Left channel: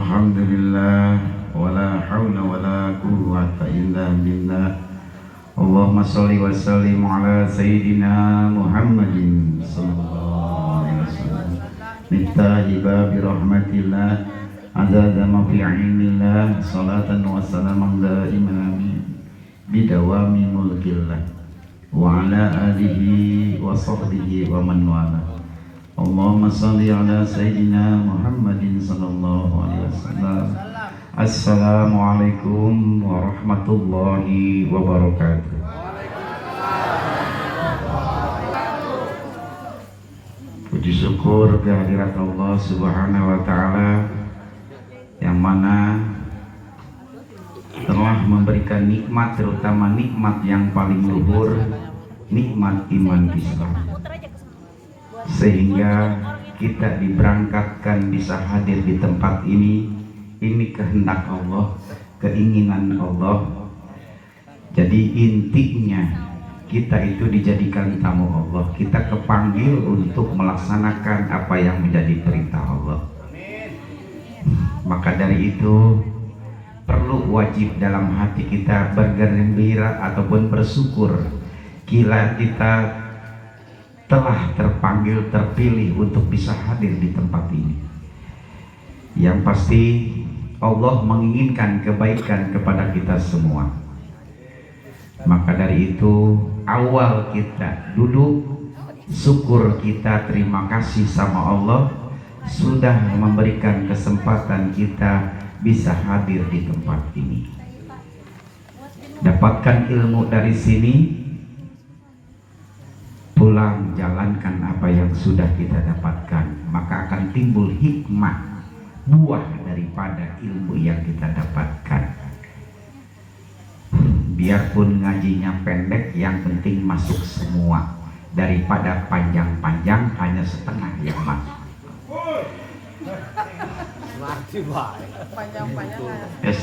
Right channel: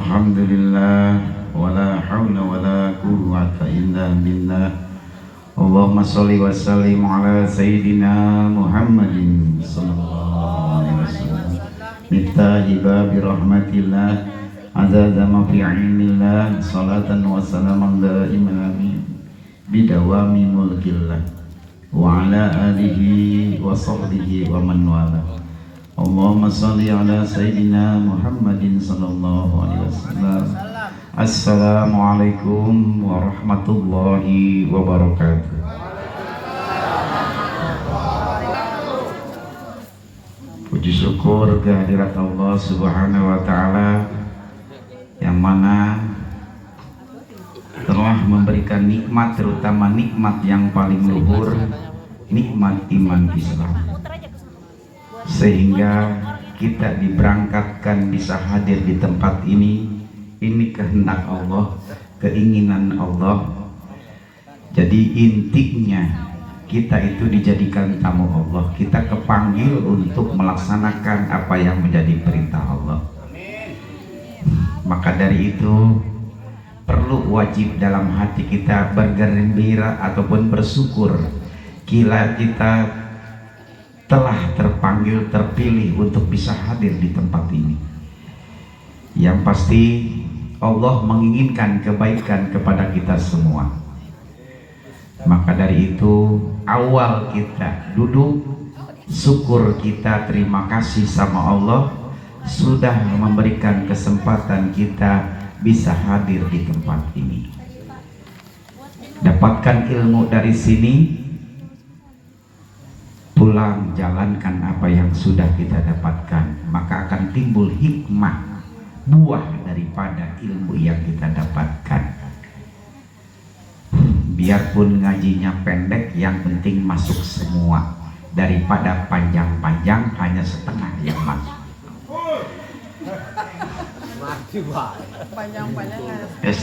Alhamdulillah wala haula wala quwwata illa billah. Allahumma shalli wa sallim ala sayyidina Muhammadin sallallahu alaihi wasallam. Miftahi babi rahmatillah azza ma fi ilmillah salatan wa salaman da'iman bidawami mulkillah wa ala alihi wa sahbihi wa man wala. Allahumma salli ala sayyidina Muhammadin sallallahu alaihi wasallam. Assalamualaikum warahmatullahi wabarakatuh. Puji syukur kehadirat Allah Subhanahu wa taala yang mana telah memberikan nikmat, terutama nikmat yang paling luhur, nikmat iman Islam, sehingga kita diberangkatkan bisa hadir di tempat ini. Ini kehendak Allah, keinginan Allah. Jadi intinya kita itu dijadikan tamu Allah, kita kepanggil untuk melaksanakan apa yang menjadi perintah Allah. Maka dari itu perlu wajib dalam hati kita bergembira ataupun bersyukur bila kita telah terpanggil, terpilih untuk bisa hadir di tempat ini. Yang pasti Allah menginginkan kebaikan kepada kita semua. Maka dari itu awal kita duduk, syukur kita, terima kasih sama Allah sudah memberikan kesempatan kita bisa hadir di tempat ini. Dapatkan ilmu dari sini, pulang jalankan apa yang sudah kita dapatkan, maka akan timbul hikmah, buah daripada ilmu yang kita dapatkan. Biarpun ngajinya pendek, yang penting masuk semua, daripada panjang-panjang hanya setengah yang masuk.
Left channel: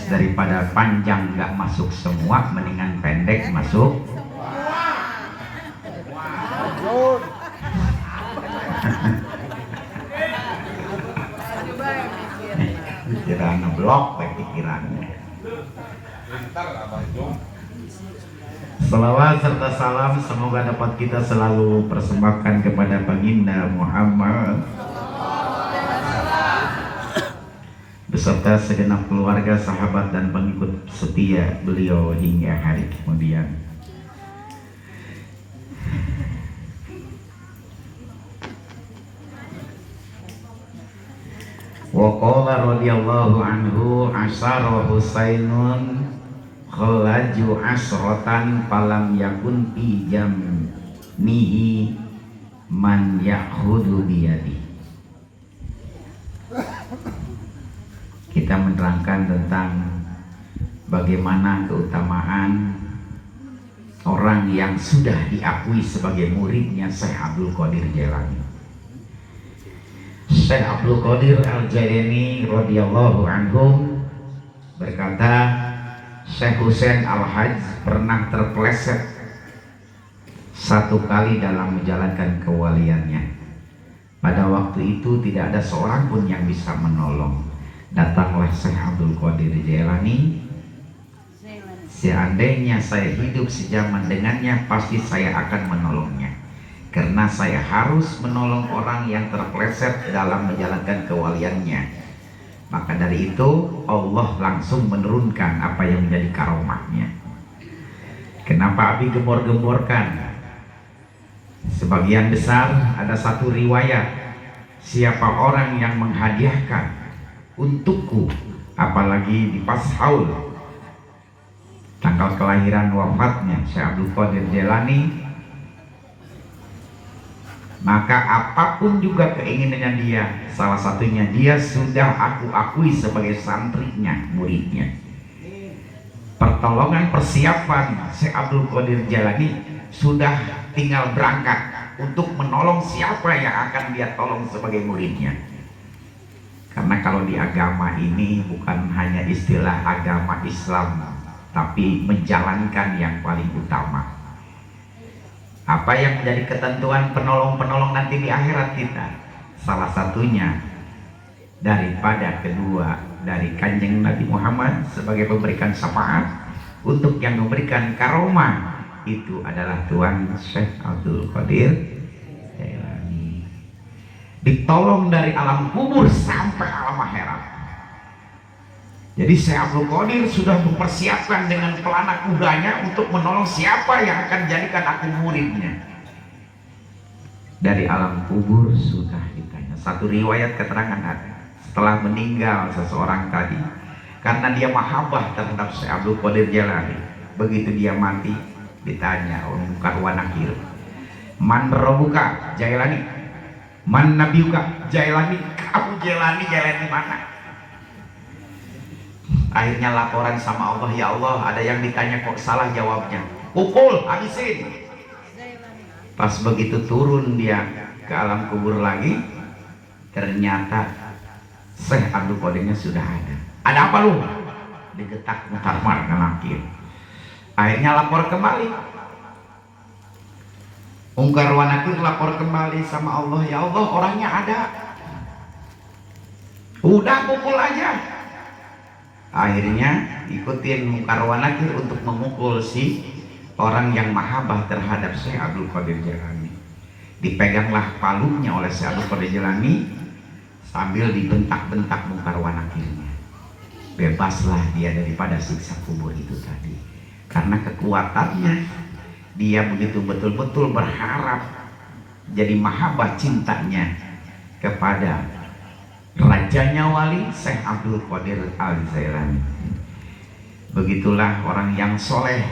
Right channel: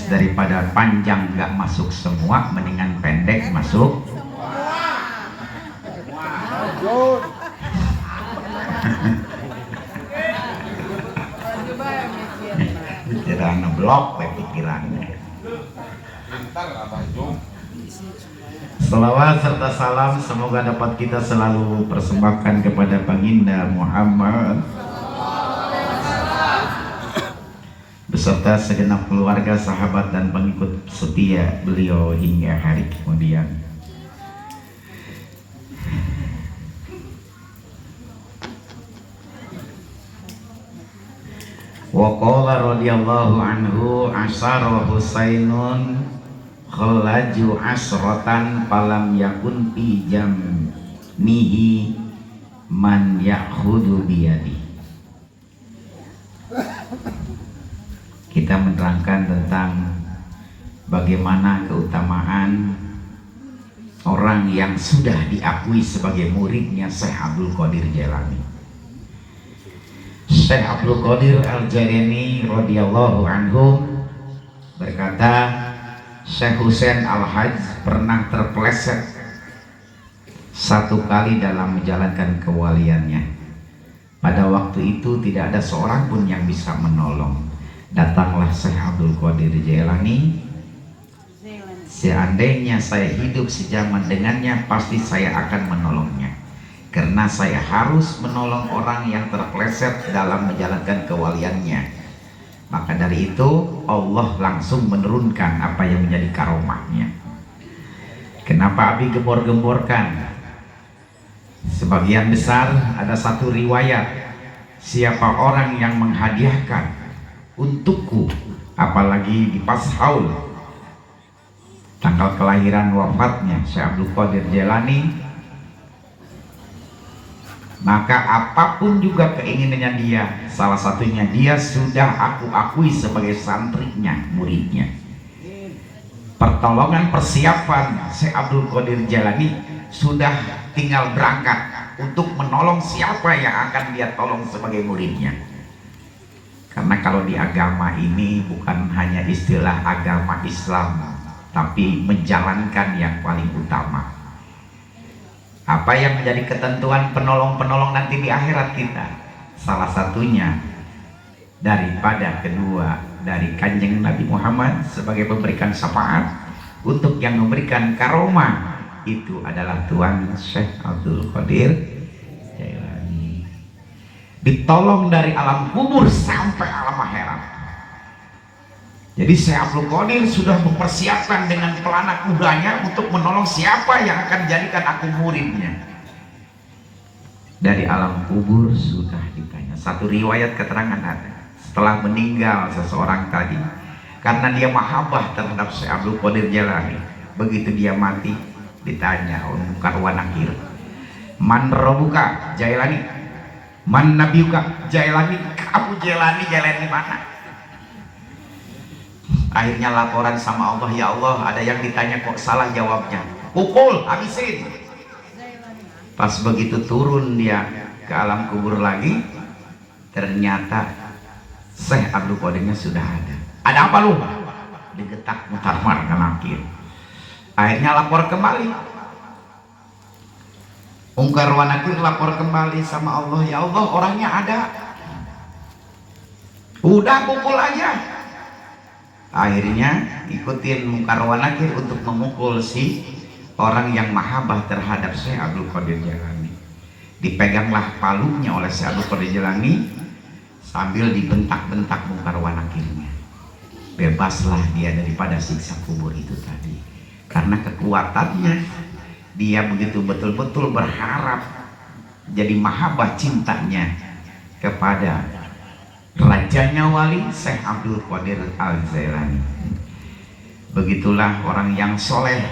Daripada panjang nggak masuk semua, mendingan pendek masuk. Pikiran blok pikirannya. Salawat serta salam semoga dapat kita selalu persembahkan kepada Baginda Muhammad beserta segenap keluarga, sahabat dan pengikut setia beliau hingga hari kemudian. Wa qala radhiyallahu anhu asyara Husainun khalaju asratan palam yakun fi jammihi man ya'khudhu biyadi. Kita menerangkan tentang bagaimana keutamaan orang yang sudah diakui sebagai muridnya Syekh Abdul Qadir Jailani. Syekh Abdul Qadir Al-Jailani radhiyallahu anhu berkata, Syekh Husain Al-Hajj pernah terpeleset satu kali dalam menjalankan kewaliannya. Pada waktu itu tidak ada seorang pun yang bisa menolong. Datanglah Syekh Abdul Qadir Jailani. Seandainya saya hidup sejaman dengannya, pasti saya akan menolongnya. Karena saya harus menolong orang yang terpeleset dalam menjalankan kewaliannya. Maka dari itu Allah langsung menurunkan apa yang menjadi karomahnya. Kenapa Abi gembor-gemborkan? Sebagian besar ada satu riwayat, siapa orang yang menghadiahkan untukku, apalagi di pas haul tanggal kelahiran wafatnya Syekh Abdul Qadir Jailani, maka apapun juga keinginannya dia, salah satunya dia sudah aku akui sebagai santrinya, muridnya. Pertolongan persiapan Syekh Abdul Qadir Jailani sudah tinggal berangkat untuk menolong siapa yang akan dia tolong sebagai muridnya. Karena kalau di agama ini bukan hanya istilah agama Islam, tapi menjalankan yang paling utama. Apa yang menjadi ketentuan penolong-penolong nanti di akhirat kita? Salah satunya daripada kedua dari Kanjeng Nabi Muhammad sebagai memberikan syafaat. Untuk yang memberikan karomah itu adalah Tuan Syekh Abdul Qadir Jailani. Ditolong dari alam kubur sampai alam akhirat. Jadi Syekh Abdul Qadir sudah mempersiapkan dengan pelana kudanya untuk menolong siapa yang akan jadikan aku muridnya. Dari alam kubur sudah ditanya. Satu riwayat keterangan ada. Setelah meninggal seseorang tadi, karena dia mahabbah terhadap Syekh Abdul Qadir Jailani, begitu dia mati ditanya oleh Munkar wa Nakir, man rabbuka Jailani, man nabiyuka Jailani, kamu Jailani mana? Akhirnya laporan sama Allah, ya Allah ada yang ditanya kok salah jawabnya, pukul habisin. Pas begitu turun dia ke alam kubur lagi, ternyata Syekh Abdul Qadirnya sudah ada. Ada apa lu? Digetak Munkar wa Nakir. Akhirnya lapor kembali. Munkar wa Nakir lapor kembali sama Allah, ya Allah orangnya ada. Udah pukul aja. Akhirnya ikutin Munkar wa Nakir untuk memukul si orang yang mahabbah terhadap Syekh Abdul Qadir Jailani. Dipeganglah palunya oleh Syekh Abdul Qadir Jailani sambil dibentak-bentak Munkar wa Nakirnya. Bebaslah dia daripada siksa kubur itu tadi. Karena kekuatannya, dia begitu betul-betul berharap, jadi mahabbah cintanya kepada rajanya wali Syekh Abdul Qadir Al-Jailani. Begitulah orang yang soleh,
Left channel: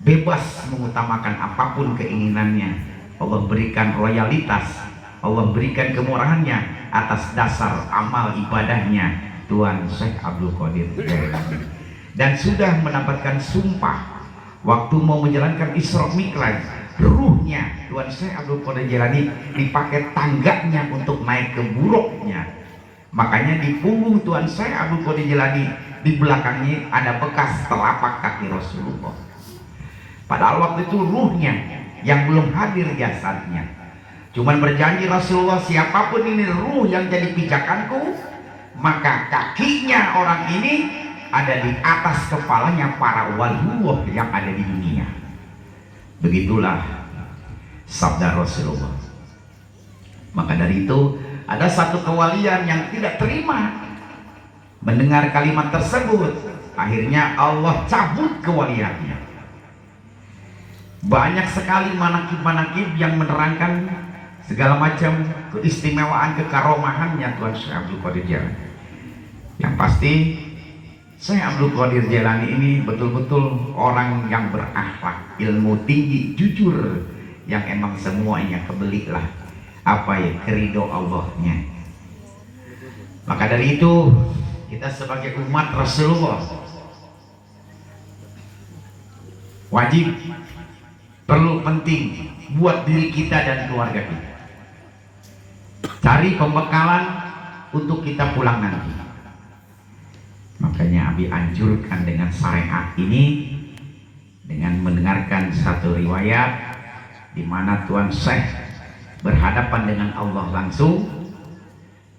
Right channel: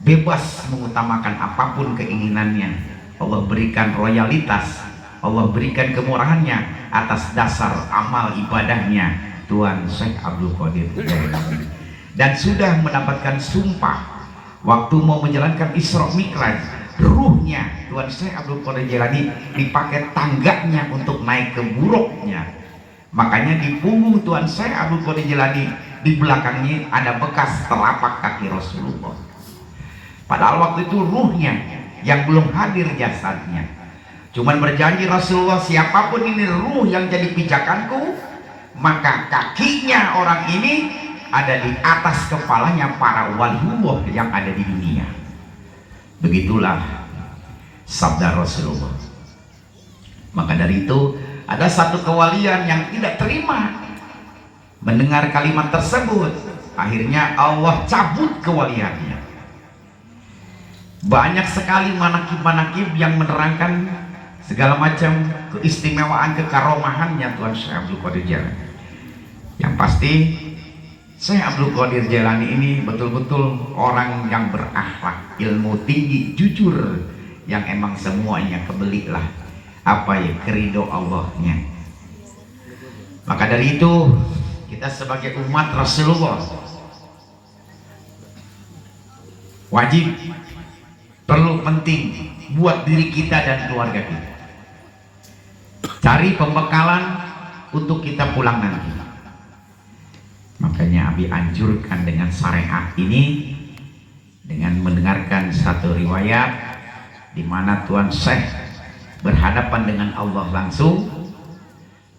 bebas mengutamakan apapun keinginannya. Allah berikan royalitas, Allah berikan kemurahannya atas dasar amal ibadahnya Tuan Syekh Abdul Qadir Jailani. Dan sudah mendapatkan sumpah waktu mau menjalankan Isra Mi'raj, ruhnya Tuan Syekh Abdul Qadir Jailani dipakai tangganya untuk naik ke buruknya. Makanya di punggung Tuan Syekh Abdul Qadir Jailani di belakangnya ada bekas telapak kaki Rasulullah. Padahal waktu itu ruhnya yang belum hadir jasadnya. Cuman berjanji Rasulullah, siapapun ini ruh yang jadi pijakanku, maka kakinya orang ini ada di atas kepalanya para waliullah yang ada di dunia. Begitulah sabda Rasulullah. Maka dari itu ada satu kewalian yang tidak terima mendengar kalimat tersebut. Akhirnya Allah cabut kewaliannya. Banyak sekali manakib-manakib yang menerangkan segala macam keistimewaan kekaromahannya Tuan Syekh Abdul Qadir Jailani. Yang pasti Syekh Abdul Qadir Jailani ini betul-betul orang yang berakhlak, ilmu tinggi, jujur, yang emang semuanya kebeliklah apa ya keridho Allahnya. Maka dari itu kita sebagai umat Rasulullah wajib, perlu, penting buat diri kita dan keluarga kita cari pembekalan untuk kita pulang nanti. Makanya Abi anjurkan dengan syariat ini, dengan mendengarkan satu riwayat di mana Tuan Syekh berhadapan dengan Allah langsung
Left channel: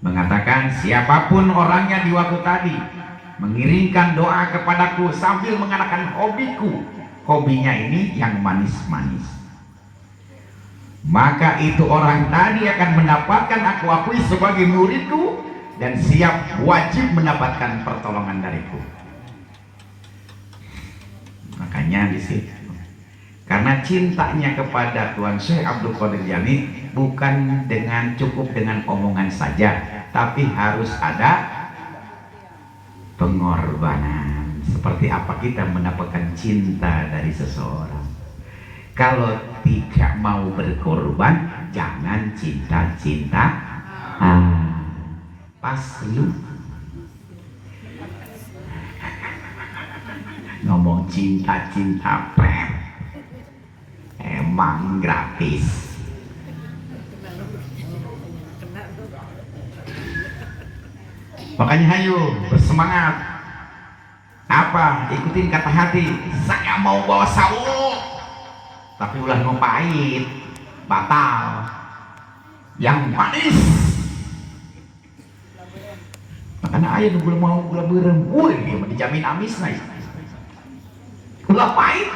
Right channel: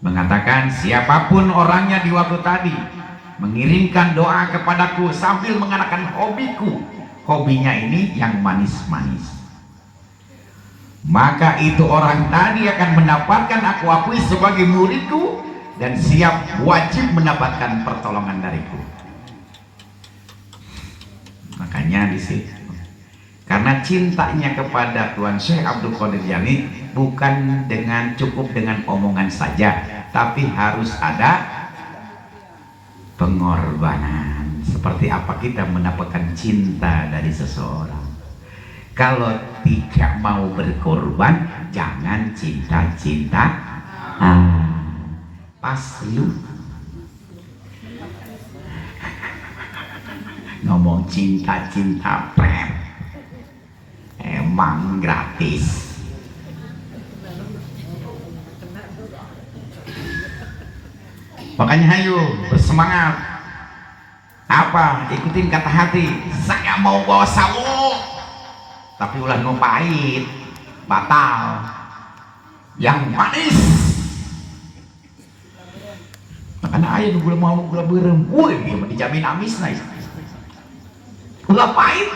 mengatakan, siapapun orangnya di waktu tadi mengirimkan doa kepadaku sambil mengenakan hobiku, hobinya ini yang manis-manis, maka itu orang tadi akan mendapatkan aku akui sebagai muridku dan siap wajib mendapatkan pertolongan dariku. Makanya di situ, karena cintanya kepada Tuan Syekh Abdul Qadir Jailani bukan dengan cukup dengan omongan saja, tapi harus ada pengorbanan. Seperti apa kita mendapatkan cinta dari seseorang? Kalau tidak mau berkorban, jangan cinta-cinta. Pas lu ngomong cinta-cinta emang gratis. Makanya ayo bersemangat. Apa? Ikutin kata hati. Saya mau bawa sawo, tapi ulah nu pahit, batal. Yang manis Makanya ayah gula mau gula berem, woi dijamin amis nih. Gula pahit.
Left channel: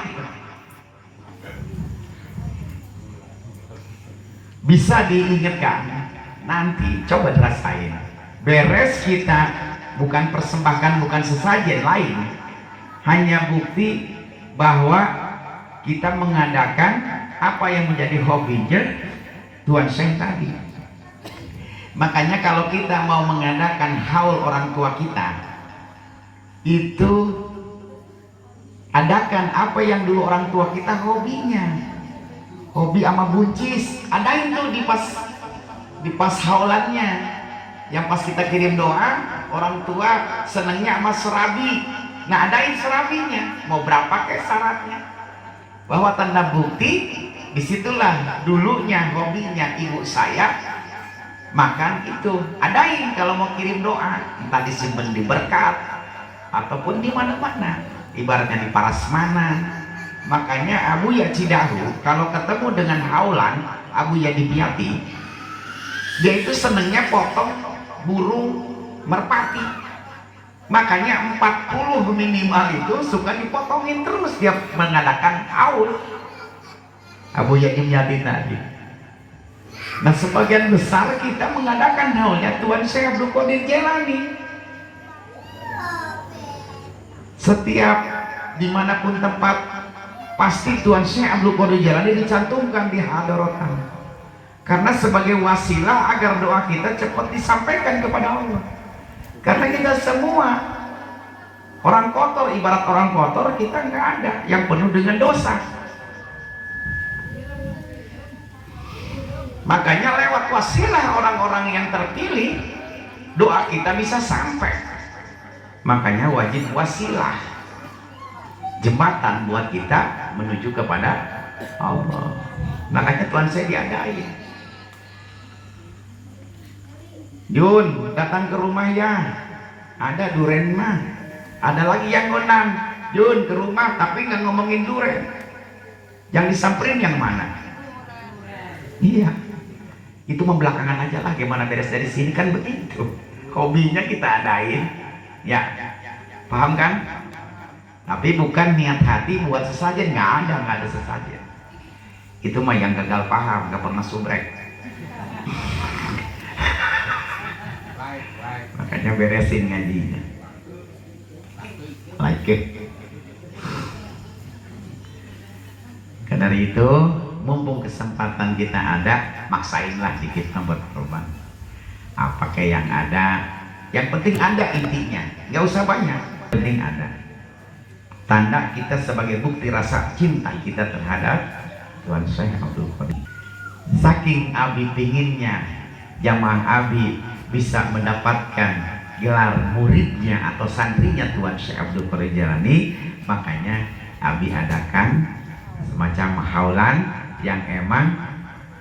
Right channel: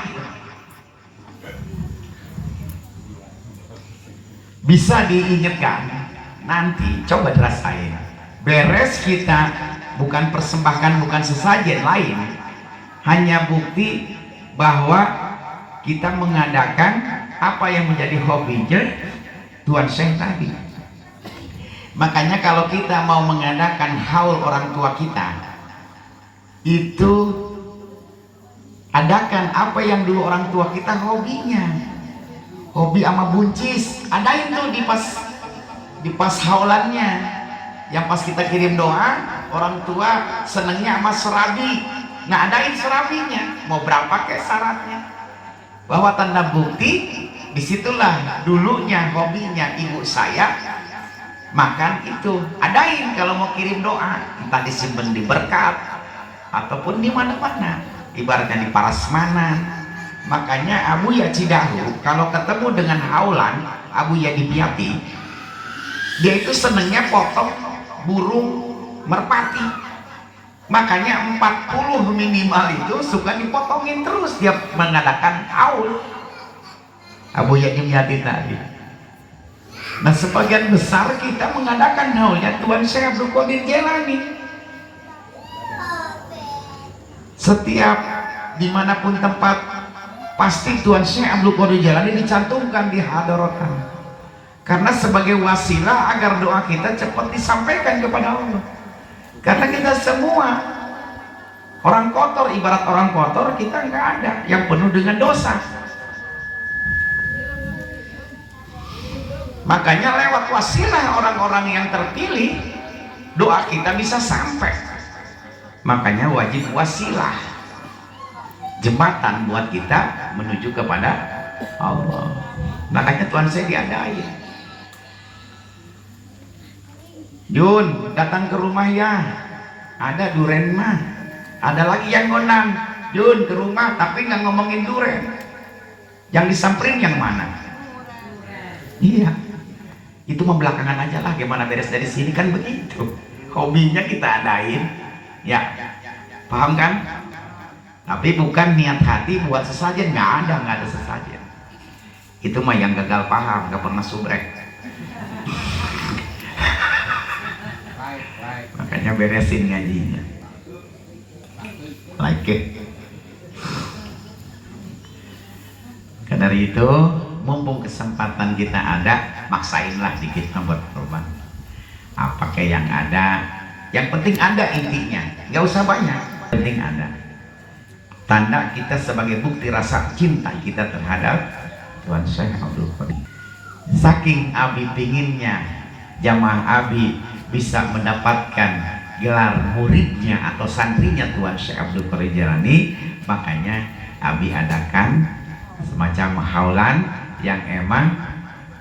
Bisa diingatkan, nanti coba dirasain. Beres kita bukan persembahkan, bukan sesajen lain, hanya bukti bahwa kita mengadakan apa yang menjadi hobinya Tuan Syekh tadi. Makanya kalau kita mau mengadakan haul orang tua kita, itu adakan apa yang dulu orang tua kita hobinya. Hobi sama buncis, adain tuh di pas haulannya. Yang pas kita kirim doa, orang tua senengnya sama serabi. Nah, adain serabinya, mau berapa kayak syaratnya. Bahwa tanda bukti, disitulah dulunya hobinya ibu saya makan itu. Adain kalau mau kirim doa, entah disimpan di berkat ataupun di mana-mana, ibaratnya di Parasmanan. Makanya Abu Ya Cidahu kalau ketemu dengan haulan Abu Ya di Piati, dia itu senengnya potong burung merpati. Makanya 40 minimal itu suka dipotongin terus dia mengadakan haul. Abu Ya di Piati tadi. Nah, sebagian besar kita mengadakan haulnya Tuan Syekh Abdul Qadir Jailani. Setiap dimanapun tempat, pasti Tuan Syekh Abdul Qadir Jailani dicantumkan di hadaratan, karena sebagai wasilah agar doa kita cepat disampaikan kepada Allah. Karena kita semua orang kotor, ibarat orang kotor, kita nggak ada yang penuh dengan dosa. Makanya lewat wasilah orang-orang yang terpilih, doa kita bisa sampai. Makanya wajib wasilah, jembatan buat kita menuju kepada Allah. Makanya Tuhan saya diadain. Jun, datang ke rumah ya. Ada duren mah. Ada lagi yang ngundang. Jun, ke rumah tapi nggak ngomongin duren. Yang disamperin yang mana? Iya. Itu mah belakangan aja lah. Gimana beres dari sini kan begitu. Hobinya kita adain. Ya, paham kan? Tapi bukan niat hati buat sesajen, nggak ada sesajen. Itu mah yang gagal paham, nggak pernah subrek. Makanya beresin ngajinya. Like. Karena dari itu, mumpung kesempatan kita ada, maksainlah dikit berkorban. Apa kayak yang ada, yang penting ada intinya, nggak usah banyak, penting ada. Tanda kita sebagai bukti rasa cinta kita terhadap Tuan Syekh Abdul Qadir. Saking Abi pinginnya jamaah Abi bisa mendapatkan gelar muridnya atau santrinya Tuan Syekh Abdul Qadir Jailani, makanya Abi adakan semacam haulan yang emang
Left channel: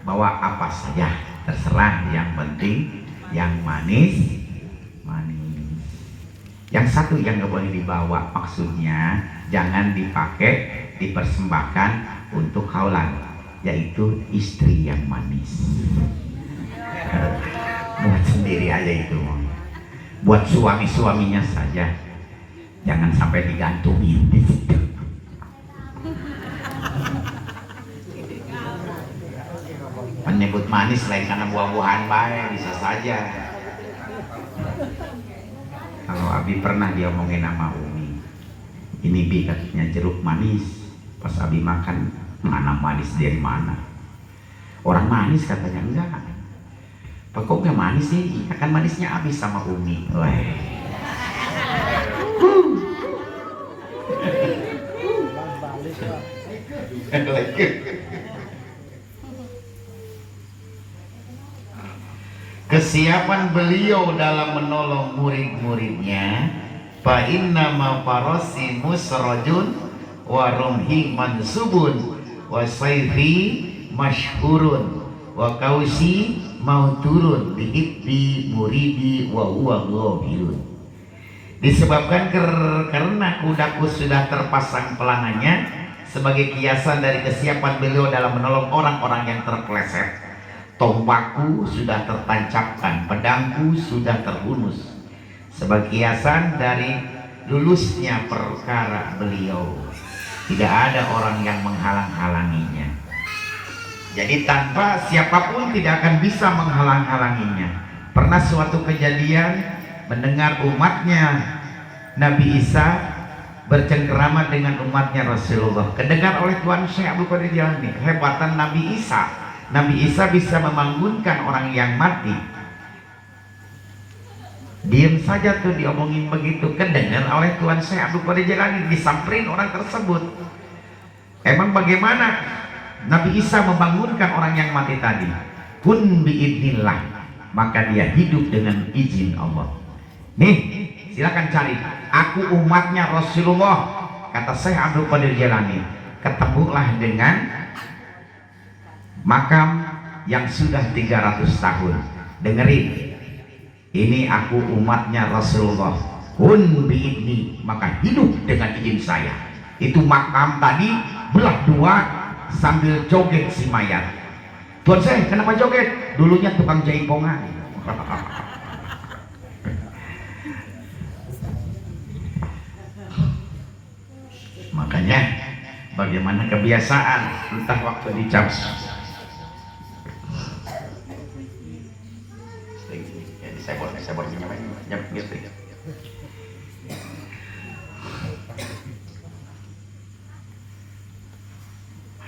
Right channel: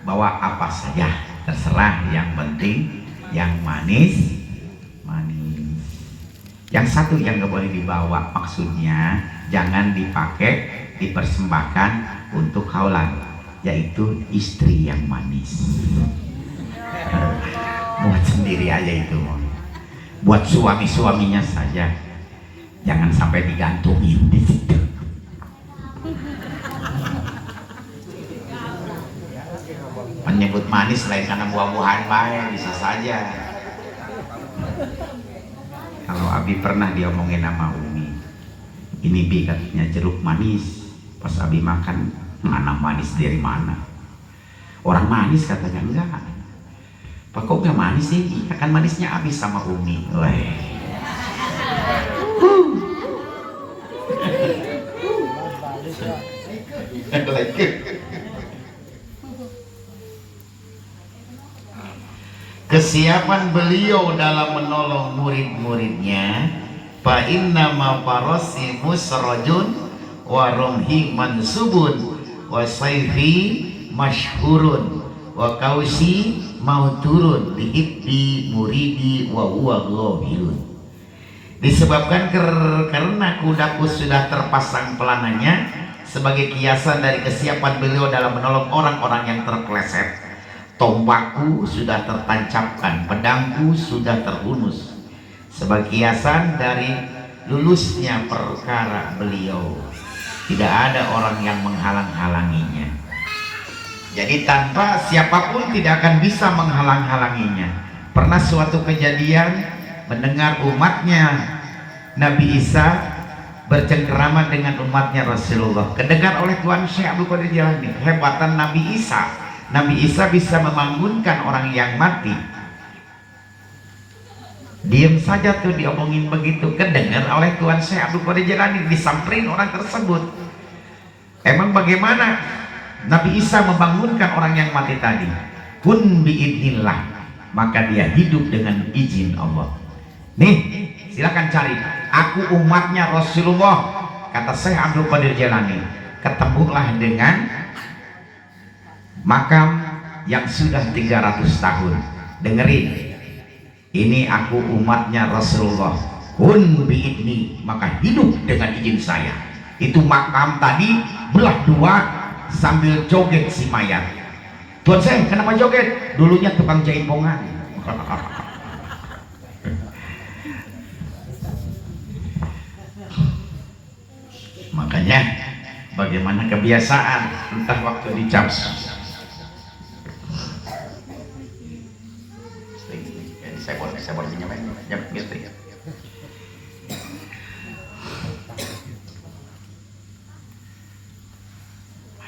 bawa apa saja terserah, yang penting yang manis. Yang satu yang gak boleh dibawa, maksudnya jangan dipakai, dipersembahkan untuk haulan, yaitu istri yang manis. Buat sendiri aja itu, buat suami-suaminya saja, jangan sampai digantungin di situ. Menyebut manis lain karena buah-buahan baik bisa saja. Kalau Abi pernah diomongin sama Umi, ini Bi katanya jeruk manis. Pas Abi makan, mana manis dari mana? Orang manis katanya enggak. Pak kok enggak manis sih? Iya kan manisnya Abi sama Umi. Weh. Kesiapan beliau dalam menolong murid-muridnya, fa inna ma farasi musrajun wa rumhi mansubun wa sayfi mashhurun wa kausi mauturun bihibbi muridi wa huwa ghafilun. Disebabkan karena kudaku sudah terpasang pelananya sebagai kiasan dari kesiapan beliau dalam menolong orang-orang yang terpeleset. Tombakku sudah tertancapkan, pedangku sudah terhunus. sebagai kiasan dari lulusnya perkara beliau. Tidak ada orang yang menghalang-halanginya. Jadi tanpa siapapun tidak akan bisa menghalang-halanginya. Pernah suatu kejadian mendengar umatnya Nabi Isa bercengkerama dengan umatnya Rasulullah. Kedengar oleh Tuan Syekh Abdul Qadir Jailani kehebatan Nabi Isa. Nabi Isa bisa membangunkan orang yang mati. Diam saja tuh diomongin begitu. Kedengar oleh Tuan Syekh Abdul Qadir Jailani, disamperin orang tersebut. Emang bagaimana Nabi Isa membangunkan orang yang mati tadi? Kun biidnillah, maka dia hidup dengan izin Allah. Nih, silakan cari. Aku umatnya Rasulullah, kata Syekh Abdul Qadir Jailani. Ketemulah dengan makam yang sudah 300 tahun. Dengerin, ini aku umatnya Rasulullah. Kun biidni, maka hidup dengan izin saya. Itu makam tadi belah dua sambil joget si mayat. Tuan saya kenapa joget? Dulunya tukang jaipongan. Makanya bagaimana kebiasaan entah waktu di jam saya buat jam listrik.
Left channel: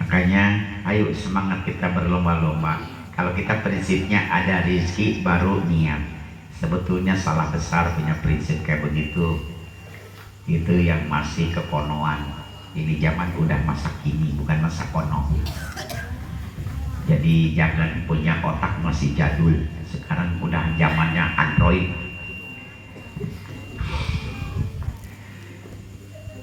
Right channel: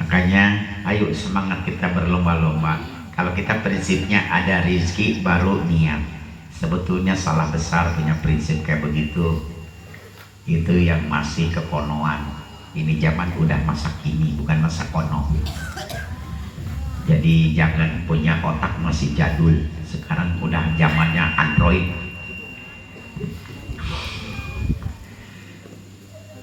Makanya ayo semangat kita berlomba-lomba. Kalau kita prinsipnya ada rezeki baru niat. Sebetulnya salah besar punya prinsip kayak begitu. Itu yang masih keponoan. Ini zaman udah masa kini, bukan masa kono. Jadi jangan punya otak masih jadul. Sekarang udah zamannya Android.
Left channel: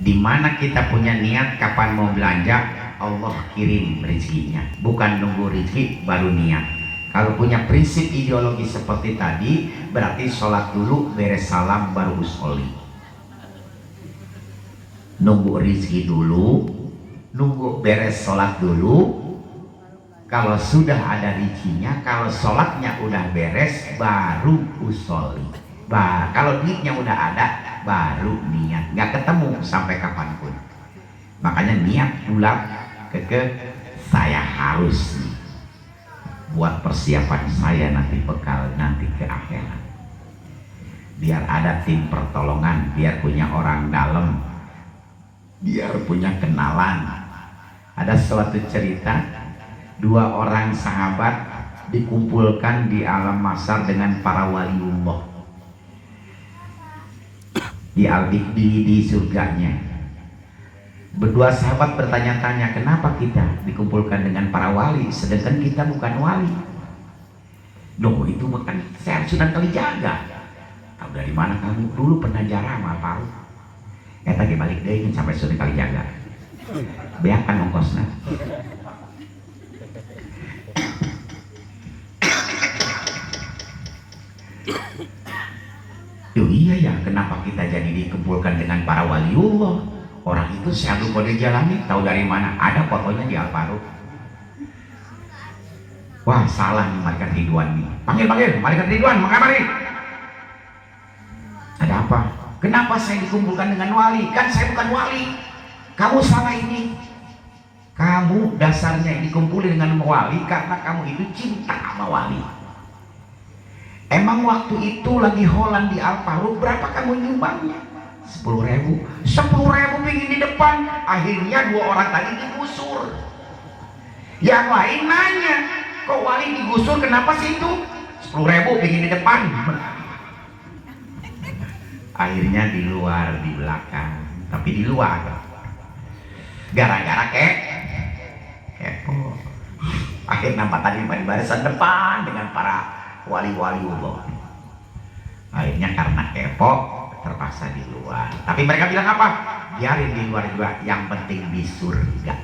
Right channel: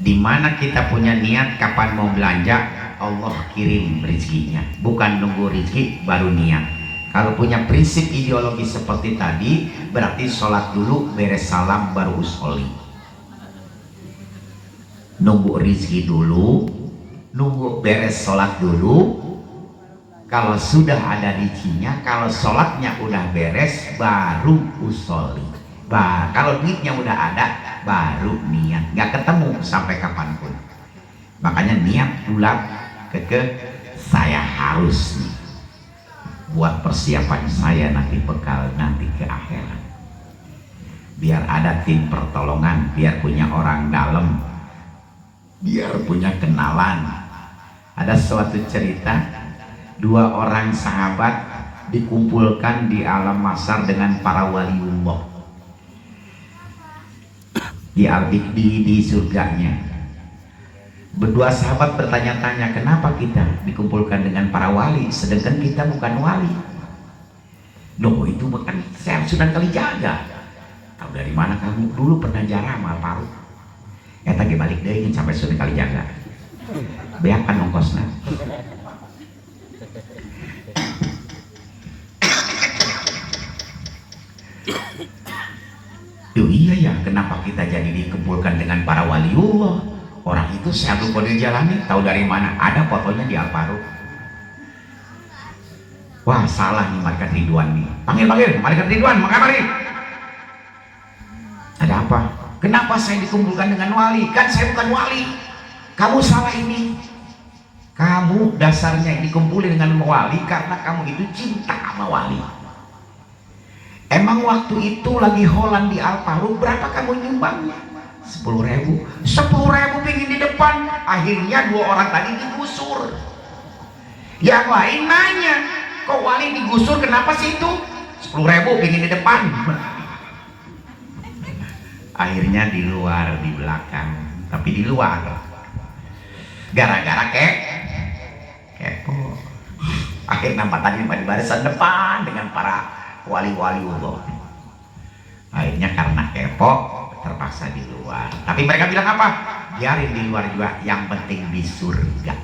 Dimana kita punya niat kapan mau belanja, Allah kirim rezekinya. Bukan nunggu rezeki baru niat. Kalau punya prinsip ideologi seperti tadi, berarti sholat dulu, beres salam baru usolli. Nunggu rezeki dulu, nunggu beres sholat dulu. Kalau sudah ada rezekinya, kalau sholatnya udah beres, baru usolli. Kalau duitnya udah ada, baru niat. Nggak ketemu sampai kapanpun. Makanya niat bulat saya harus nih buat persiapan saya nanti bekal nanti ke akhirat. Biar ada tim pertolongan, biar punya orang dalam, biar punya kenalan. Ada suatu cerita, dua orang sahabat dikumpulkan di alam mahsyar dengan para waliullah di surganya. Berdua sahabat bertanya-tanya, kenapa kita dikumpulkan dengan para wali sedangkan kita bukan wali? Loh, itu bukan saya Sunan Kalijaga. Tahu dari mana kamu? Dulu pernah jarah sama Alparu. Ya tadi balik deh ingin sampai Sunan Kalijaga. Beakan ongkosnya. Yo iya ya, kenapa kita jadi dikumpulkan dengan para waliullah? Orang itu Syekh Abdul Qadir Jailani, tahu dari mana? Ada fotonya di Alparu. Wah, salah nih Malaikat Ridwan nih. Panggil Malaikat Ridwan, mengamari. Ada apa? Kenapa saya dikumpulkan dengan wali? Kan saya bukan wali. Kamu salah ini. Kamu dasarnya dikumpulin dengan wali karena kamu itu cinta sama wali. Emang waktu itu lagi holan di Alparu, berapa kamu nyumbangnya? 10.000. 10.000 pingin di depan. Akhirnya dua orang tadi digusur. Yang lain nanya, kok wali digusur kenapa sih itu? 10.000 pingin di depan. Akhirnya di luar, di belakang. Tapi di luar gara-gara kepo. Akhirnya nampak tadi di barisan depan dengan para wali-wali Allah. Akhirnya karena kepo terpaksa di luar. Tapi mereka bilang apa? Biarin di luar juga, yang penting di surga.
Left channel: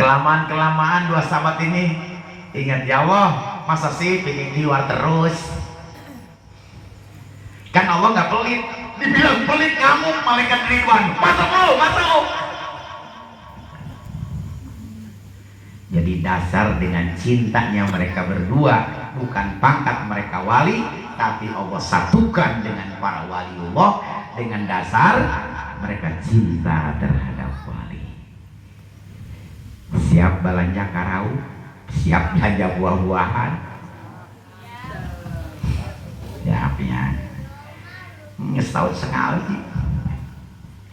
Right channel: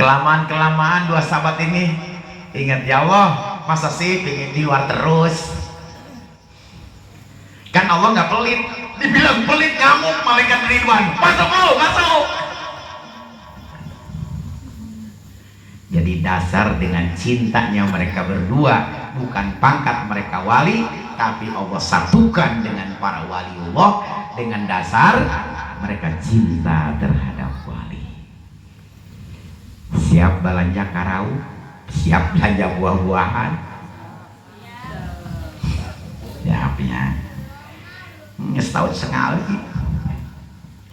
Kelamaan dua sahabat ini ingat, ya Allah, masa sih pengen di luar terus? Kan Allah nggak pelit. Dibilang pelit kamu Malaikat Ridwan. Masuk. Jadi dasar dengan cintanya mereka berdua, bukan pangkat mereka wali, tapi Allah satukan dengan para waliullah dengan dasar mereka cinta terhadap wali. Siap belanja karau, siap belanja buah-buahan, siapnya setahun sekali.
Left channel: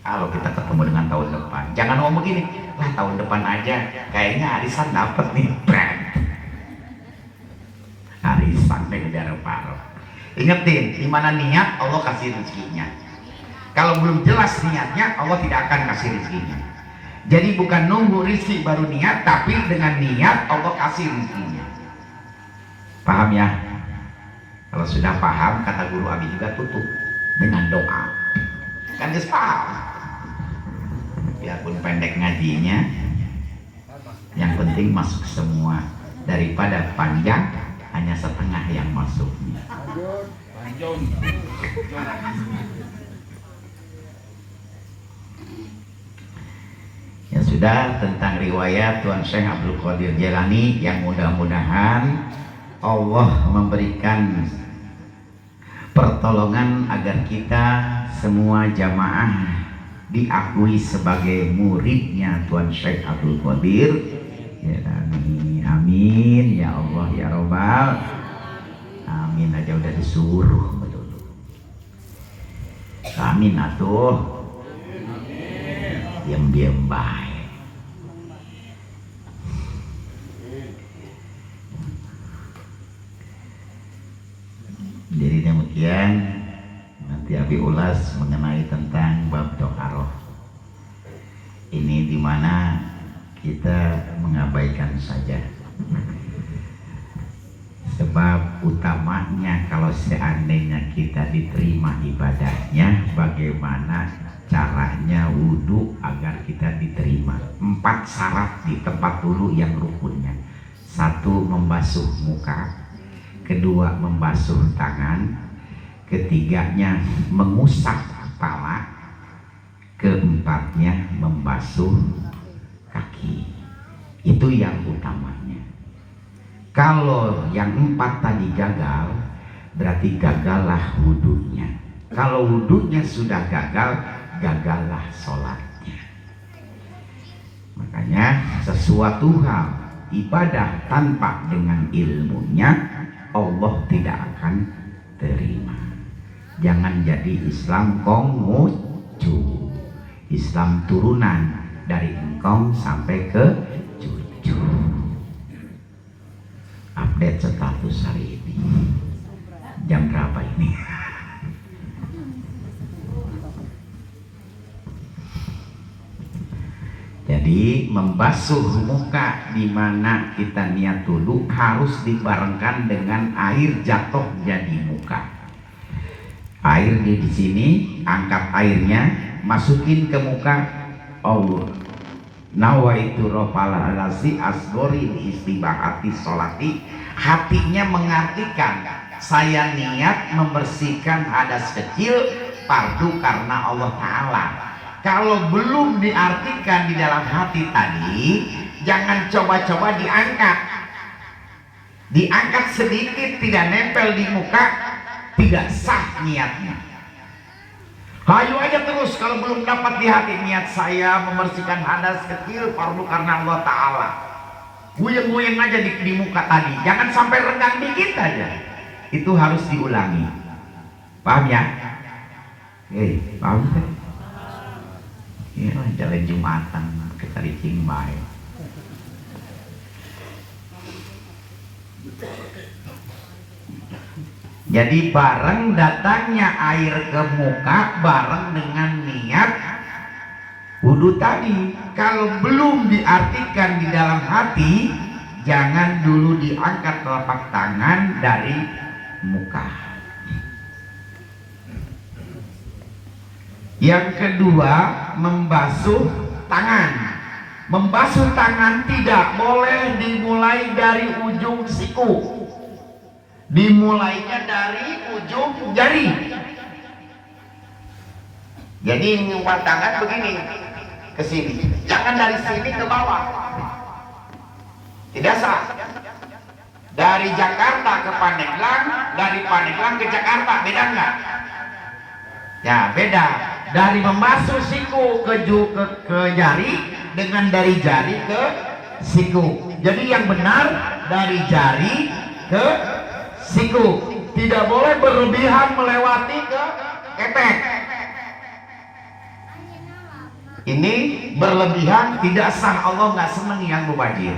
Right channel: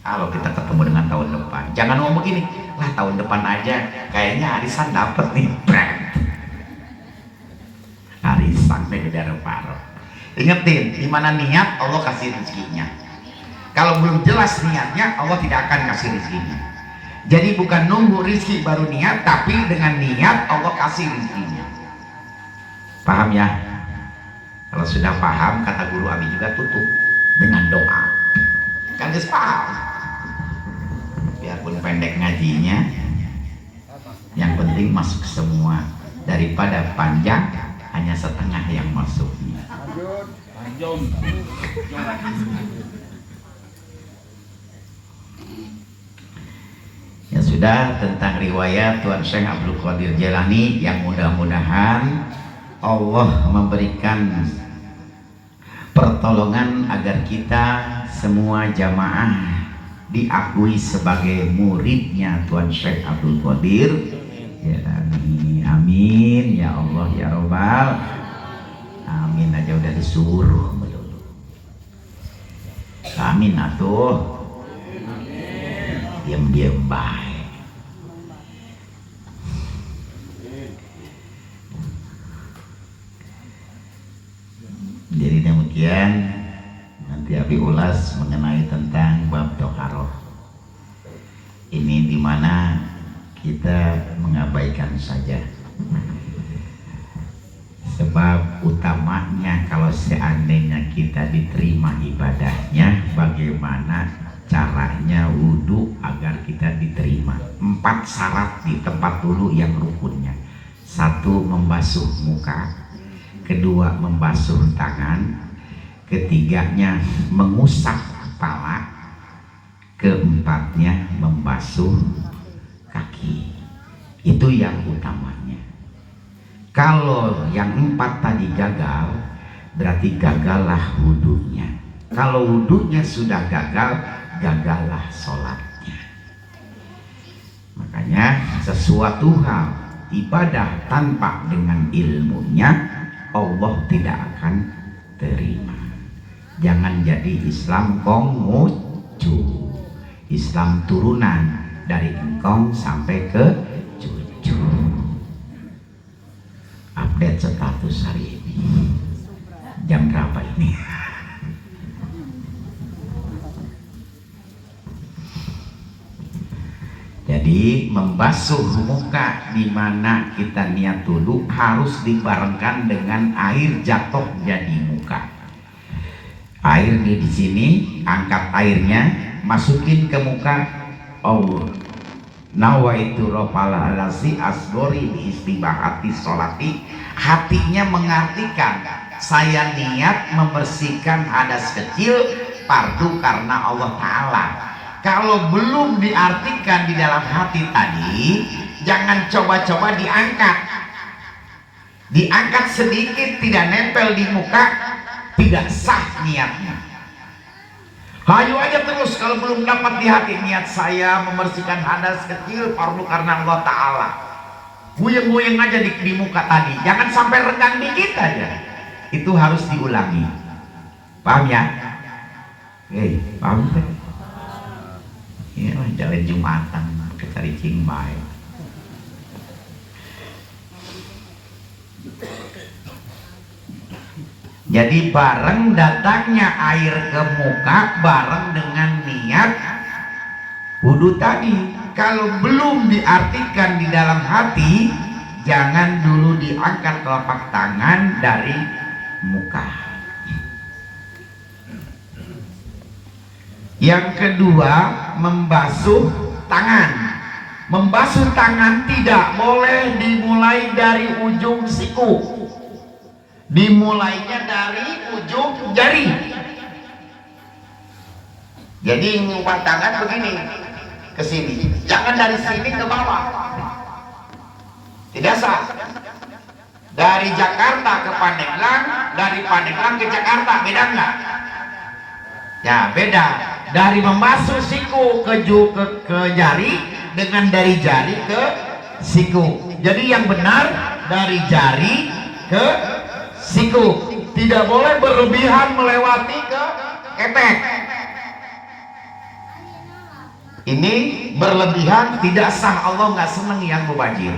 Kalau kita ketemu dengan tahun depan, jangan ngomong gini, lah tahun depan aja kayaknya arisan dapet nih, brand arisan dari paro. Ingetin, di mana niat Allah kasih rezekinya. Kalau belum jelas niatnya, Allah tidak akan kasih rezekinya. Jadi bukan nunggu rezeki baru niat, tapi dengan niat Allah kasih rezekinya. Paham ya? Kalau sudah paham, kata guru Abi juga tutup dengan doa. Kan dia paham. Biarpun pendek ngajinya, yang penting masuk semua, daripada panjang hanya setengah yang masuk. Ya sudah, tentang riwayat Tuan Syekh Abdul Qadir Jailani yang mudah-mudahan Allah memberikan pertolongan agar kita semua jamaah diakui sebagai muridnya Tuan Syekh Abdul Qadir. Ya amin, amin ya Allah ya Rabbal. Amin aja udah disuruh melulu. Amin atuh. Diam-diam baik. Jadi demikian, nanti Abi ulas mengenai tentang bab tokaroh. Ini dimana kita mengabaikan saja. Sebab utamanya kalau seandainya kita diterima ibadahnya, bagaimana caranya wudhu agar kita diterima. 4 syarat di tempat dulu yang rukunnya. 1, membasuh muka. 2, membasuh tangan. 3-nya mengusap kepala. 4-nya membasuh kaki. Itu yang utamanya. Kalau yang 4 tadi gagal, berarti gagallah wudhunya. Kalau wudhunya sudah gagal, gagallah sholatnya. Makanya sesuatu hal ibadah tanpa dengan ilmunya, Allah tidak akan terima. Jangan jadi Islam konghucu, Islam turunan dari engkong sampai ke cucu. Update status hari ini. Jam berapa ini? Jadi membasuh muka di mana kita niat wudhu harus dibarengkan dengan air jatuh jadi muka. Air di sini, angkat airnya, masukin ke muka. Allah nawaitu rofala alasi asgori istibahati sholati. Hatinya mengartikan, saya niat membersihkan hadas kecil fardu karena Allah Ta'ala. Kalau belum diartikan di dalam hati tadi, jangan coba-coba diangkat. Diangkat sedikit, tidak nempel di muka, tidak sah niatnya. Hayu aja terus kalau belum dapat di hati niat saya membersihkan hadas kecil fardu karena Allah Ta'ala. Buyeng-buyeng aja di muka tadi, jangan sampai renggang dikit aja. Itu harus diulangi. Paham ya? Paham kan? Ya, jalan Jumatan kita ricing baik. Jadi bareng datangnya air ke muka bareng dengan niat wudhu tadi. Kalau belum diartikan di dalam hati, jangan dulu diangkat telapak tangan dari muka. Yang kedua, membasuh tangan. Membasuh tangan tidak boleh dimulai dari ujung siku. Dimulainya dari ujung jari. Jadi ngumpat tangan begini ke sini, jangan dari sini ke bawah. Tidak sah. Dari Jakarta ke Pandeglang, dari Pandeglang ke Jakarta, beda nggak? Ya beda. Dari membasuh siku ke jari dengan dari jari ke siku. Jadi yang benar dari jari ke siku. Tidak boleh berlebihan melewati ke ketek. Ini berlebihan tidak sah, Allah nggak seneng yang mubazir.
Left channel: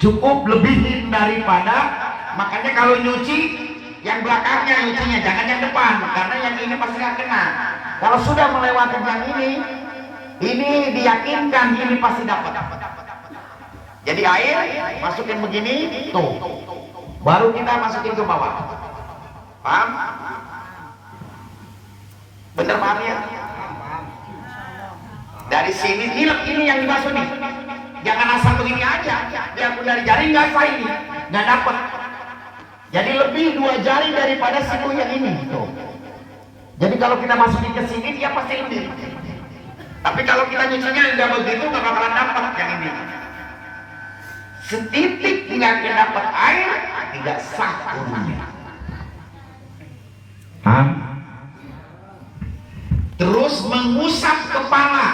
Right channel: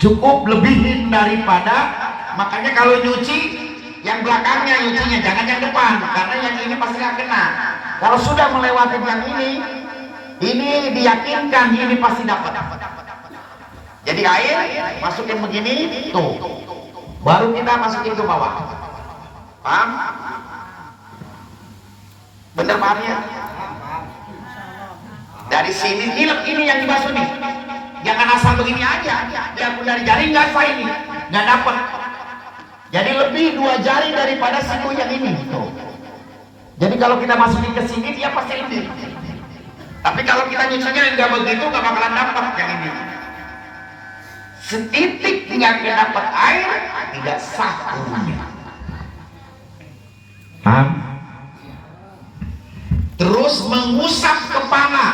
Cukup lebihin daripada, makanya kalau nyuci yang belakangnya nyucinya, jangan yang depan, karena yang ini pasti nggak kena. Kalau sudah melewati yang ini diyakinkan ini pasti dapat. Jadi air masukin begini, tuh, baru kita masukin ke bawah. Paham? Bener paham ya? Dari sini, ini yang dibasuh nih. Jangan asal begini aja. Ya dari jari nggak sah ini, nggak dapat. Jadi lebih 2 jari daripada siku yang ini. Tuh. Jadi kalau kita masukin ke sini dia pasti lebih. Tapi kalau kita nyucinya nggak begitu, nggak bakalan dapat yang ini. Setitik nggak dapat air, tidak sah wudunya. Paham? Terus mengusap kepala,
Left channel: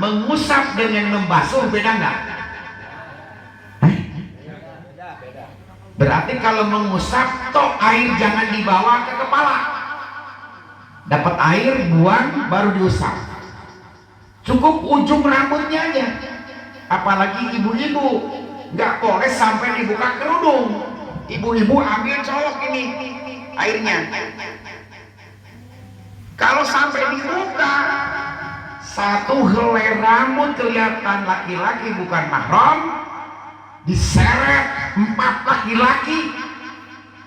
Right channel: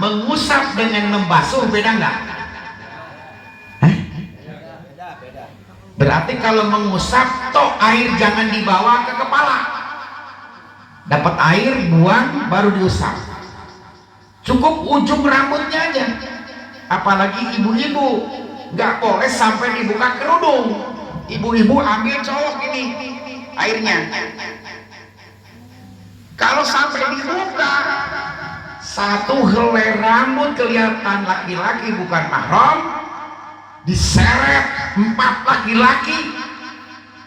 mengusap dengan membasuh beda nggak? Berarti kalau mengusap, toh air jangan dibawa ke kepala. Dapat air, buang, baru diusap. Cukup ujung rambutnya aja. Apalagi ibu-ibu, nggak boleh sampai dibuka kerudung. Ibu-ibu ambil colok ini airnya. Kalau sampai dibuka, 1 helai rambut kelihatan laki-laki bukan mahram, diseret 4 laki-laki,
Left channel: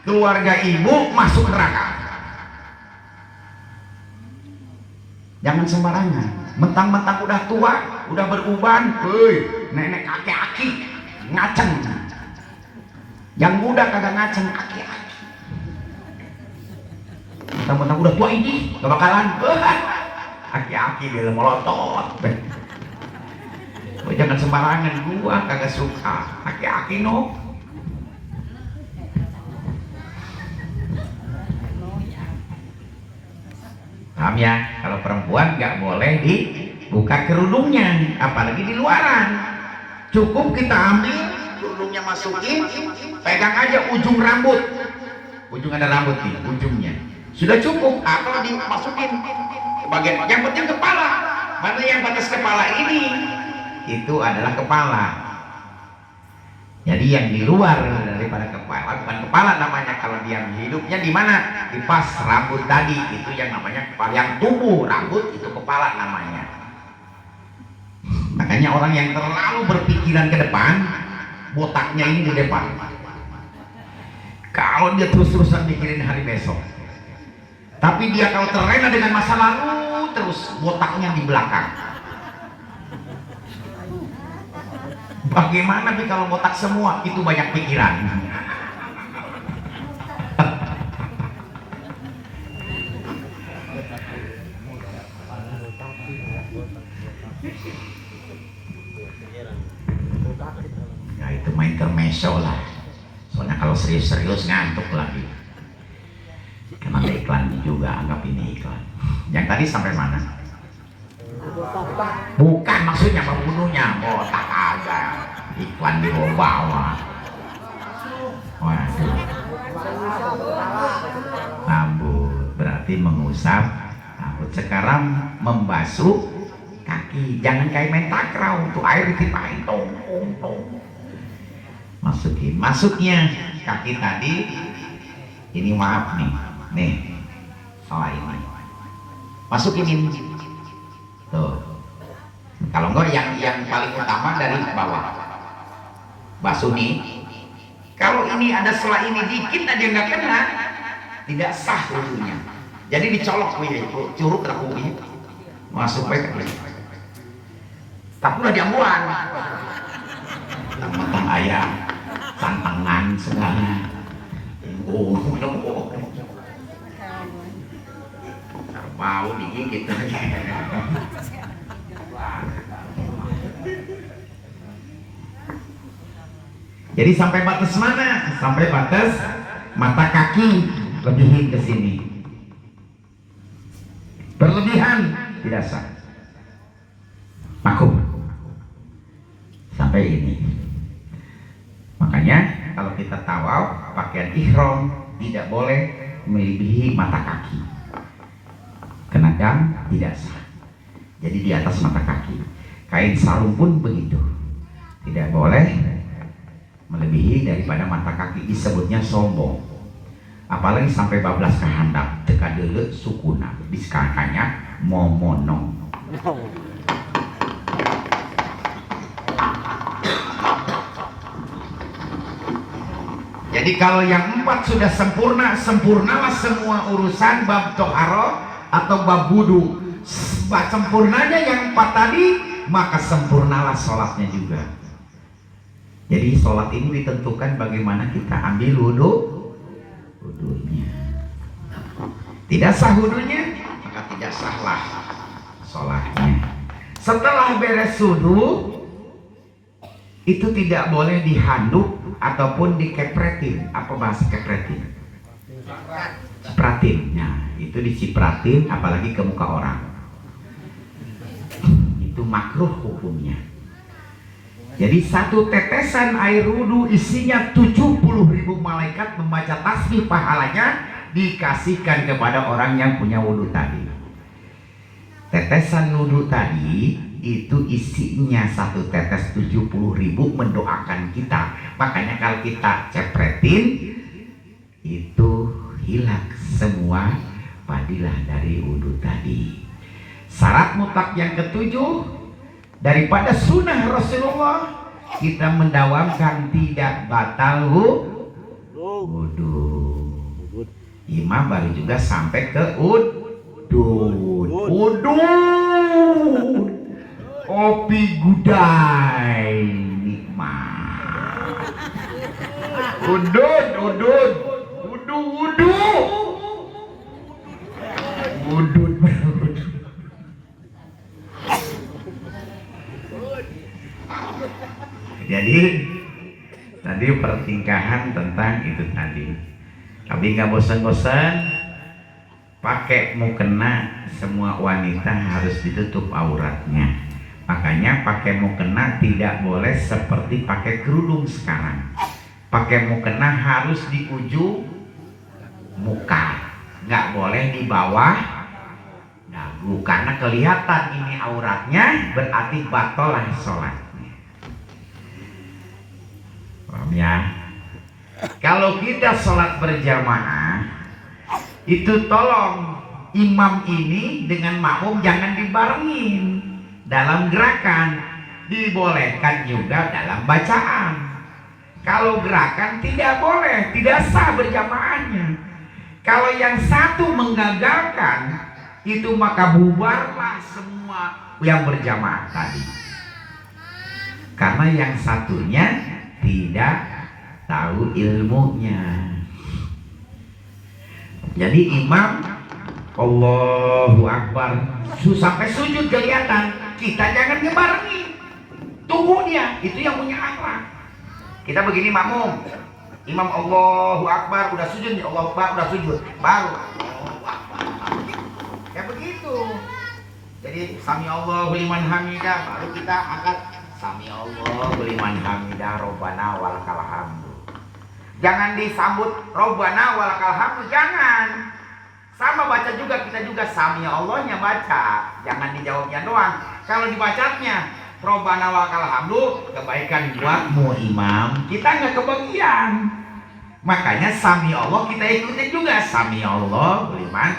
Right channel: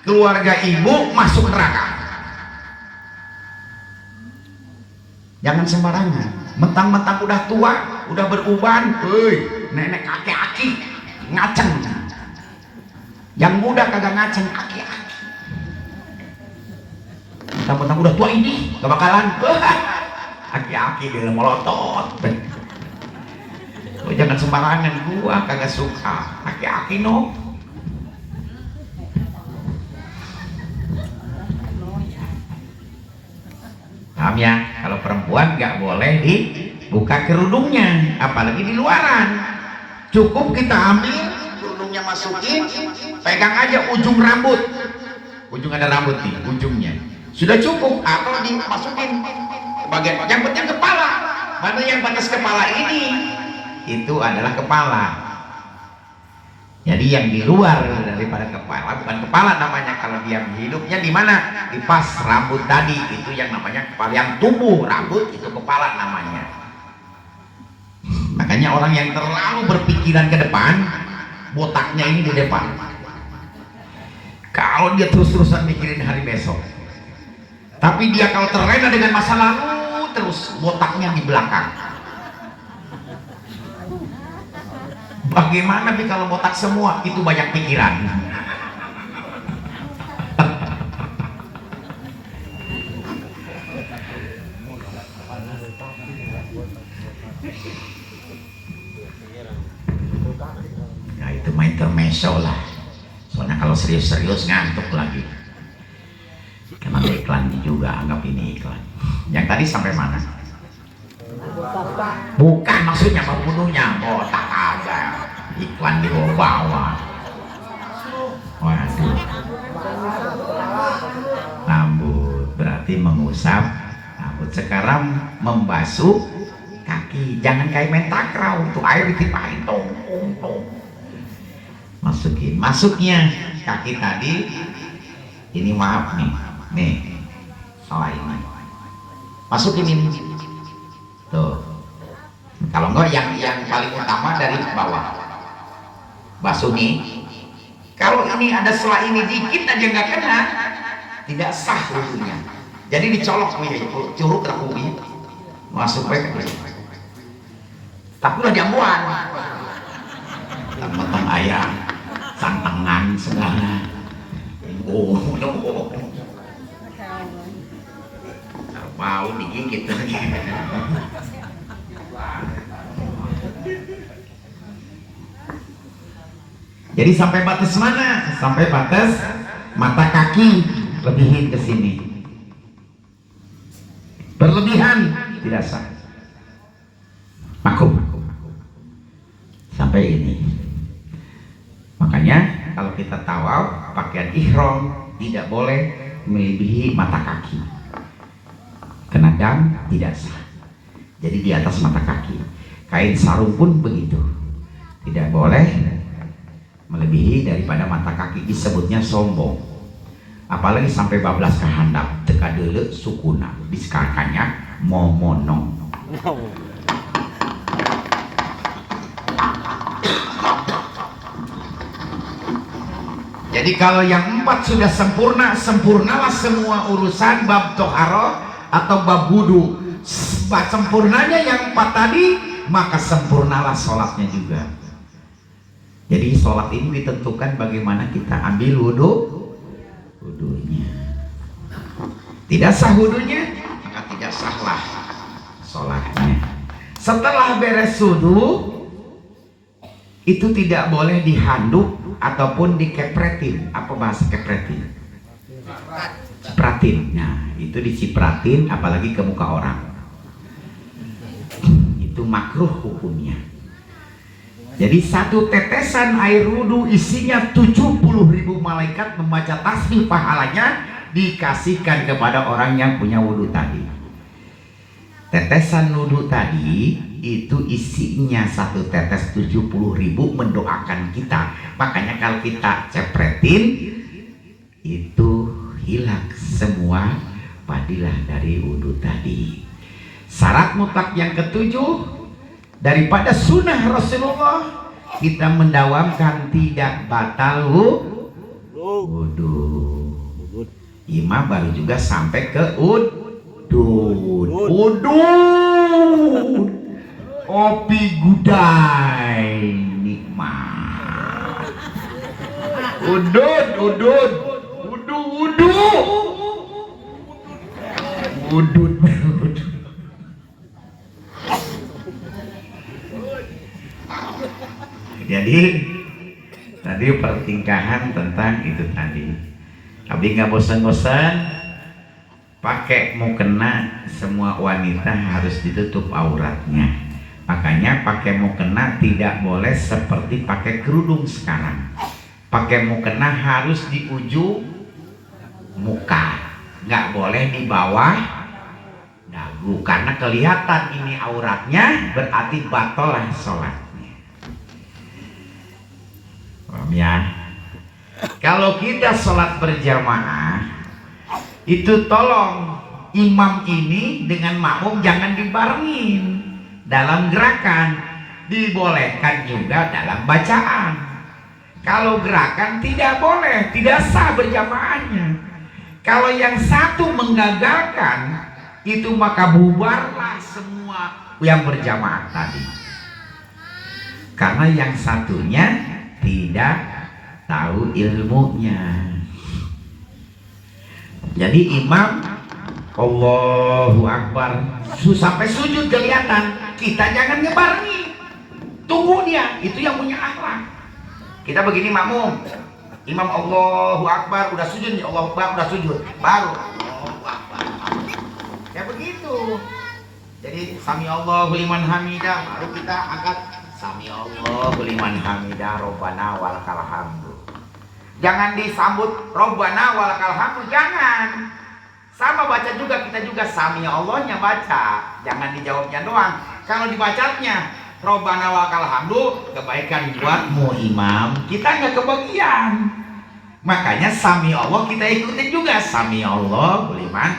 keluarga ibu masuk neraka. Jangan sembarangan, mentang-mentang udah tua, udah beruban, nenek aki-aki ngaceng. Yang muda kagak ngaceng, aki-aki. Mentang-mentang udah tua ini gak bakalan aki-aki dia melotot. Jangan sembarangan, gua kagak suka aki-aki no. Paham ya? Kalau perempuan nggak boleh dibuka kerudungnya, apalagi di luaran. Cukup kita ambil kerudungnya, masukin, pegang aja ujung rambut. Ujung ada rambut nih, ujungnya. Sudah cukup, atau dimasukin bagian yang penting kepala. Mana yang batas kepala ini? Itu adalah kepala. Jadi yang di luar daripada kepala bukan kepala namanya. Kalau dia hidupnya di mana? Di pas rambut tadi, itu yang namanya kepala. Yang tumbuh rambut itu kepala namanya. Makanya orang yang terlalu berpikiran ke depan, botaknya ini di depan. Kalau dia terus-terusan mikirin hari besok, tapi dia kalau terlena dengan masa lalu, terus botaknya di belakang. Bagaimana nih kalau botak semua? Itu banyak pikiran. Nah itu main intermezzo lah. Soalnya kalau serius-serius ngantuk lagi. Emang iklan juga, anggap ini iklan. Yang tadi sampai mana? Bukan maksudnya pembunuhnya, botak aja. Iklan di bawah. Waduh. Rambut berarti mengusap rambut. Sekarang membasuh kaki. Jangan kayak main takraw, tuh air ditimpahin tong. Masukin, masuknya kaki tadi. Ini maaf nih, salah ini. Masukin ini. Tuh. Kalau enggak yang paling utama dari bawah. Basuh nih. Kalau ini ada selah ini dikit aja nggak kena, tidak sah wudunya. Jadi dicolok curug ke kubi, masuk ke sini. Tapi udah diambuan. Tentang ayam, tantangan segala. Mau digigit. Jadi sampai batas mana? Sampai batas mata kaki, lebihin ke sini. Berlebihan tidak sah. Makum. Sampai ini. Makanya kalau kita tawaf pakaian ihram tidak boleh melebihi mata kaki. Kenadang tidak sah. Jadi di atas mata kaki. Kain sarung pun begitu. Tidak boleh melebihi daripada mata kaki, disebutnya sombong. Apalagi sampai bablas ke handap, teka dele sukuna, diskarkannya momono. Jadi kalau yang 4 sudah sempurna, sempurnalah semua urusan bab toharo atau bab wudu. Sempurnanya yang 4 tadi, maka sempurnalah sholatnya juga. Jadi sholat ini ditentukan bagaimana kita ambil wudunya. Tidak sah wudunya, maka tidak sahlah sholatnya. Setelah beres wudu, itu tidak boleh dihanduk ataupun dikepretin. Apa bahasa kepretin? Cipratin. Nah, itu dicipratin apalagi ke muka orang. Itu makruh hukumnya. Jadi satu tetesan air wudhu isinya 70.000 malaikat membaca tasbih, pahalanya dikasihkan kepada orang yang punya wudhu tadi. Tetesan wudhu tadi itu isinya satu tetes 70.000 mendoakan kita. Makanya kalau kita cepretin itu hilang semua fadilah dari wudhu tadi. Syarat mutlak yang ketujuh daripada sunnah Rasulullah, kita mendawamkan tidak batal wudhu. Imam baru juga sampai ke udud. Kopi gudai nikmat. Udud. Jadi tadi pertingkahan tentang itu tadi. Tapi nggak bosan-bosan, pakai mukena, semua wanita harus ditutup auratnya. Makanya pakai mukena tidak boleh seperti pakai kerudung sekarang. Pakai mukena harus di ujung muka, nggak boleh di bawah dagu, karena kelihatan ini auratnya, berarti batal lah sholatnya. Ya, kalau kita sholat berjamaah itu tolong imam ini dengan makmum jangan dibarengin dalam gerakan, dibolehkan juga dalam bacaan. Kalau gerakan tidak boleh, tidak sah berjamaahnya. Kalau yang satu menggagalkan itu, maka bubarlah semua yang berjamaah tadi, karena yang satunya tidak tahu ilmunya. Jadi imam Allahu Akbar sampai sujud kelihatan, kita jangan ngebarengi, tunggu dia, itu yang punya akhlak. Kita begini makmum, imam Allahu Akbar udah sujud, Allahu Akbar udah sujud, baru Allahu Akbar. Kayak begitu. Jadi sami Allahu liman hamidah, baru kita angkat sami Allahu liman hamidah Rabbana walakal hamdu. Jangan disambut Rabbana walakal hamdu, jangan. Sama baca juga, kita juga sami Allahnya baca, jangan dijawabnya doang. Kalau dibacanya Rabbana walakal hamdu, kebaikan buatmu imam, kita nggak kebagian. Makanya sami Allah kita ikutin juga, sami Allahu liman